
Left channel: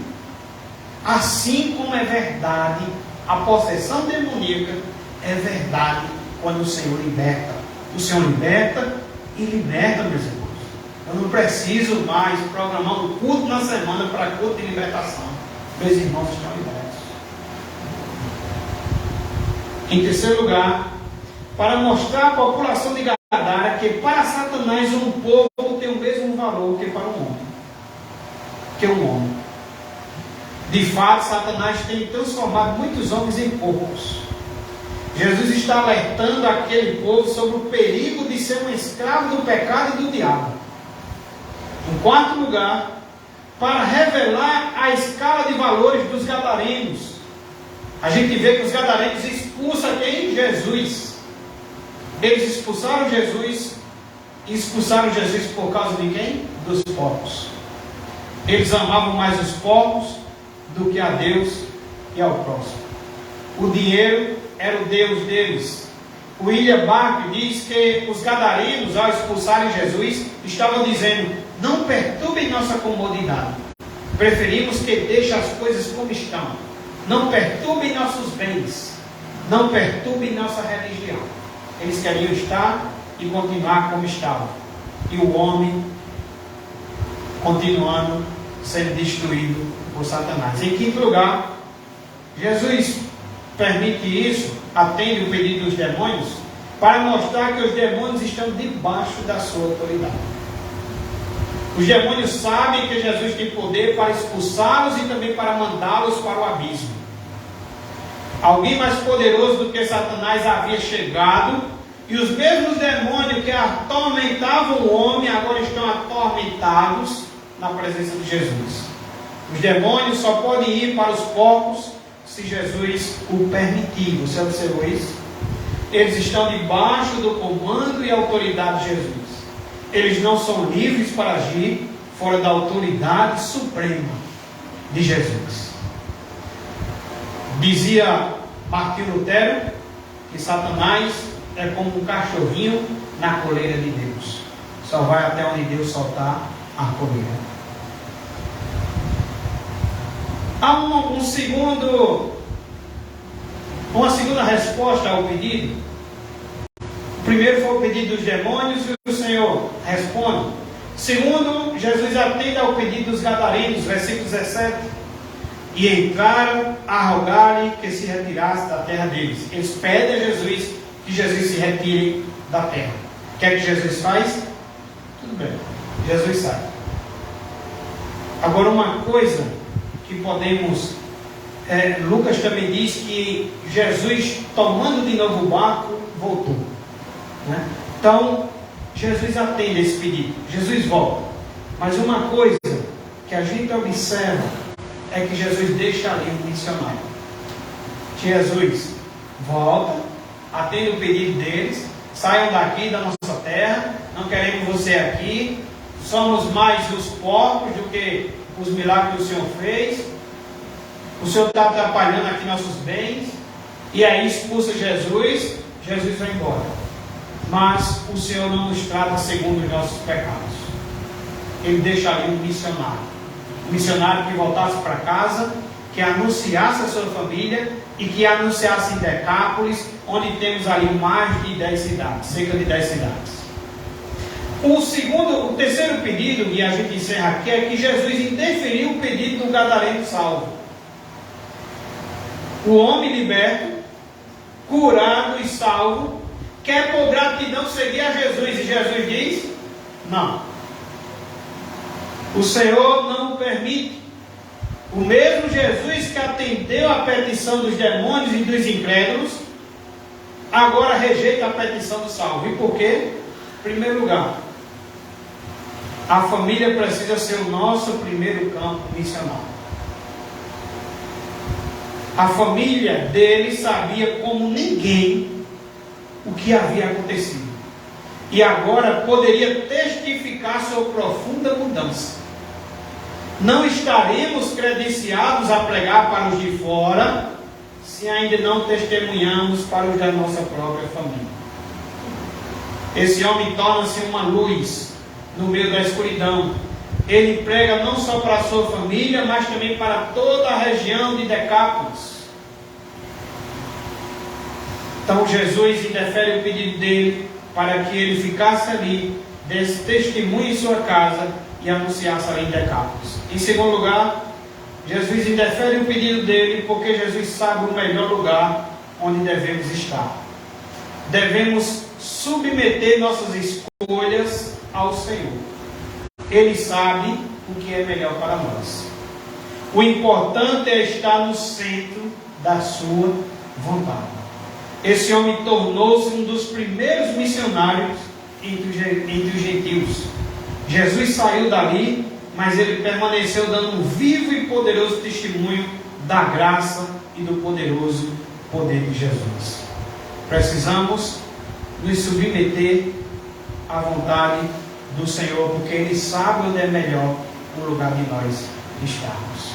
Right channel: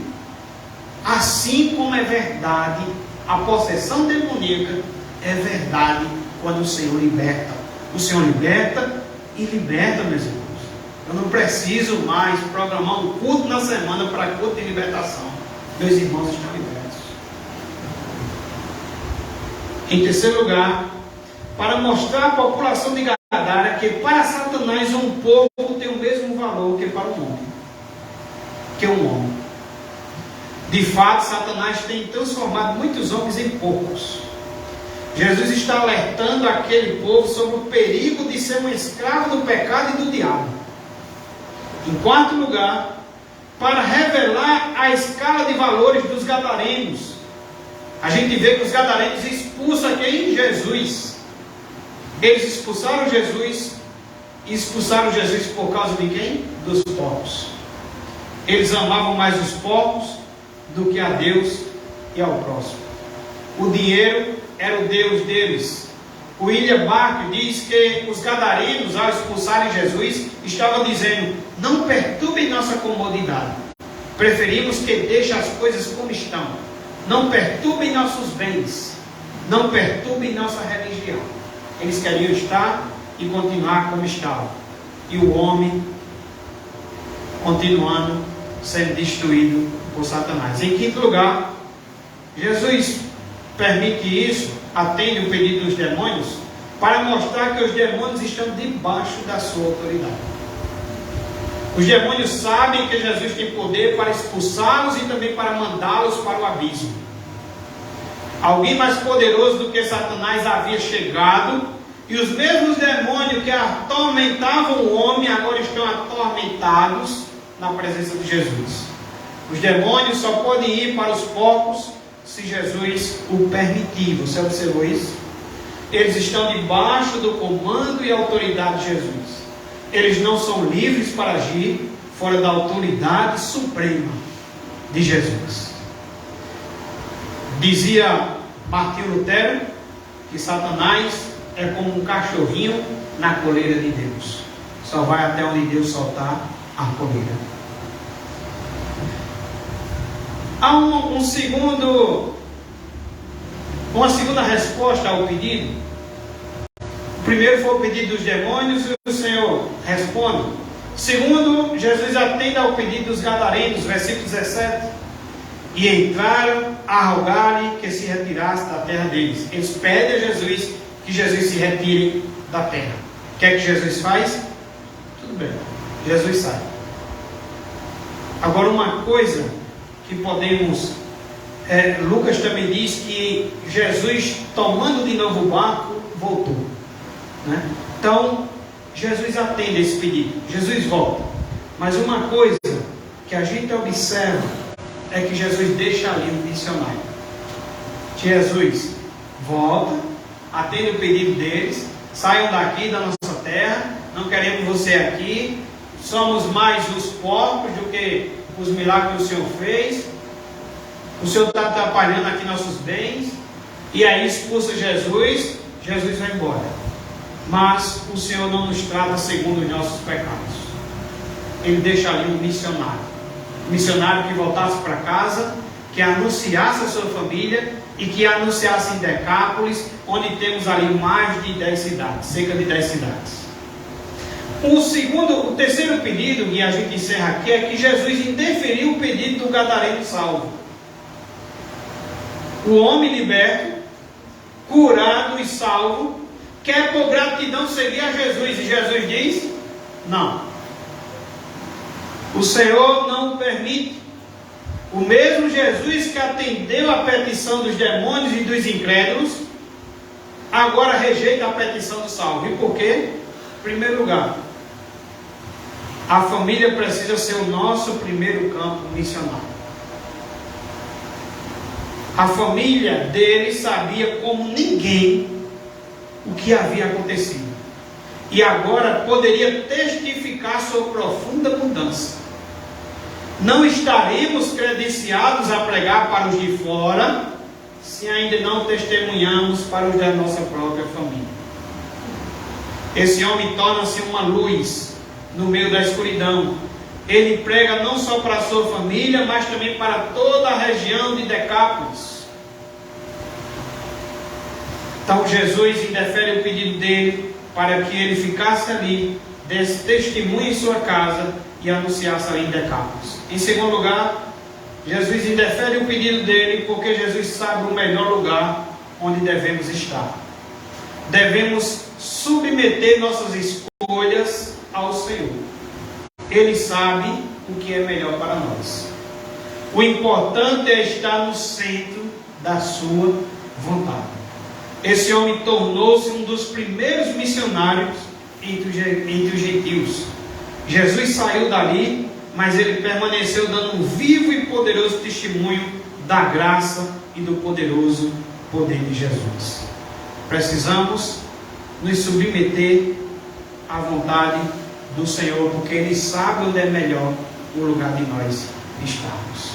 Assim como é verdade a possessão demoníaca, é verdade quando o Senhor liberta. O Senhor liberta e liberta, meus irmãos. Eu não preciso mais programar um culto na semana para culto de libertação. Meus irmãos estão libertos. Em terceiro lugar, para mostrar à população de Gadara que para Satanás um povo tem o mesmo valor que para um homem. De fato, Satanás tem transformado muitos homens em porcos. Jesus está alertando aquele povo sobre o perigo de ser um escravo do pecado e do diabo. Em quarto lugar, para revelar a escala de valores dos gadarenos. A gente vê que os gadarenos expulsam quem? Jesus. Eles expulsaram Jesus. E expulsaram Jesus por causa de quem? Dos porcos. Eles amavam mais os porcos do que a Deus e ao próximo. O dinheiro era o Deus deles. O William Barclay diz que os gadarenos, ao expulsarem Jesus, estavam dizendo: não perturbem nossa comodidade. Preferimos que deixem as coisas como estão. Não perturbem nossos bens. Não perturbem nossa religião. Eles queriam estar e continuar como estavam. E o homem continuando sendo destruído por Satanás. Em quinto lugar, Jesus permite isso, atende o pedido dos demônios, para mostrar que os demônios estão debaixo da sua autoridade. Os demônios sabem que Jesus tem poder para expulsá-los e também para mandá-los para o abismo. Alguém mais poderoso do que Satanás havia chegado E os mesmos demônios que atormentavam o homem agora estão atormentados na presença de Jesus. Os demônios só podem ir para os porcos se Jesus o permitir. Você observou isso? Eles estão debaixo do comando e autoridade de Jesus. Eles não são livres para agir fora da autoridade suprema de Jesus. Dizia Martinho Lutero que Satanás é como um cachorrinho na coleira de Deus. Só vai até onde Deus soltar a coleira. Há uma segunda resposta ao pedido. O primeiro foi o pedido dos demônios e o Senhor responde. Segundo, Jesus atende ao pedido dos gadarenos, versículo 17. E entraram a rogar-lhe que se retirasse da terra deles. Eles pedem a Jesus que Jesus se retire da terra. O que é que Jesus faz? Tudo bem, Jesus sai. Agora uma coisa que podemos... Lucas também diz que Jesus, tomando de novo o barco, voltou. Né? Então, Jesus atende esse pedido. Jesus volta. Mas uma coisa que a gente observa é que Jesus deixa ali um missionário. Jesus volta, atende o pedido deles, saiam daqui da nossa terra, não queremos você aqui, somos mais os porcos do que os milagres que o Senhor fez, o Senhor está atrapalhando aqui nossos bens, e aí expulsa Jesus, Jesus vai embora. Mas o Senhor não nos trata segundo os nossos pecados. Ele deixa ali um missionário que voltasse para casa, que anunciasse a sua família e que anunciasse em Decápolis, onde temos ali mais de 10 cidades, cerca de 10 cidades. O terceiro pedido, e a gente encerra aqui, é que Jesus interferiu o pedido do gadareno salvo. O homem liberto, curado e salvo, quer por gratidão seguir a Jesus, e Jesus diz, não. O Senhor não permite. O mesmo Jesus que atendeu a petição dos demônios e dos incrédulos, agora rejeita a petição do salvo. E por quê? Em primeiro lugar, a família precisa ser o nosso primeiro campo missionário. A família dele sabia como ninguém o que havia acontecido. E agora poderia testificar sua profunda mudança. Não estaremos credenciados a pregar para os de fora, se ainda não testemunhamos para os da nossa própria família. Esse homem torna-se uma luz no meio da escuridão. Ele prega não só para a sua família, mas também para toda a região de Decápolis. Então Jesus interfere o pedido dele para que ele ficasse ali, desse testemunho em sua casa e anunciasse ali em Decápolis. Em segundo lugar, Jesus interfere o pedido dele porque Jesus sabe o melhor lugar onde devemos estar. Devemos submeter nossas escolhas ao Senhor. Ele sabe o que é melhor para nós. O importante é estar no centro da sua vontade. Esse homem tornou-se um dos primeiros missionários entre os gentios. Jesus saiu dali, mas ele permaneceu dando um vivo e poderoso testemunho da graça e do poderoso poder de Jesus. Precisamos nos submeter à vontade do Senhor, porque Ele sabe onde é melhor o lugar de nós estarmos.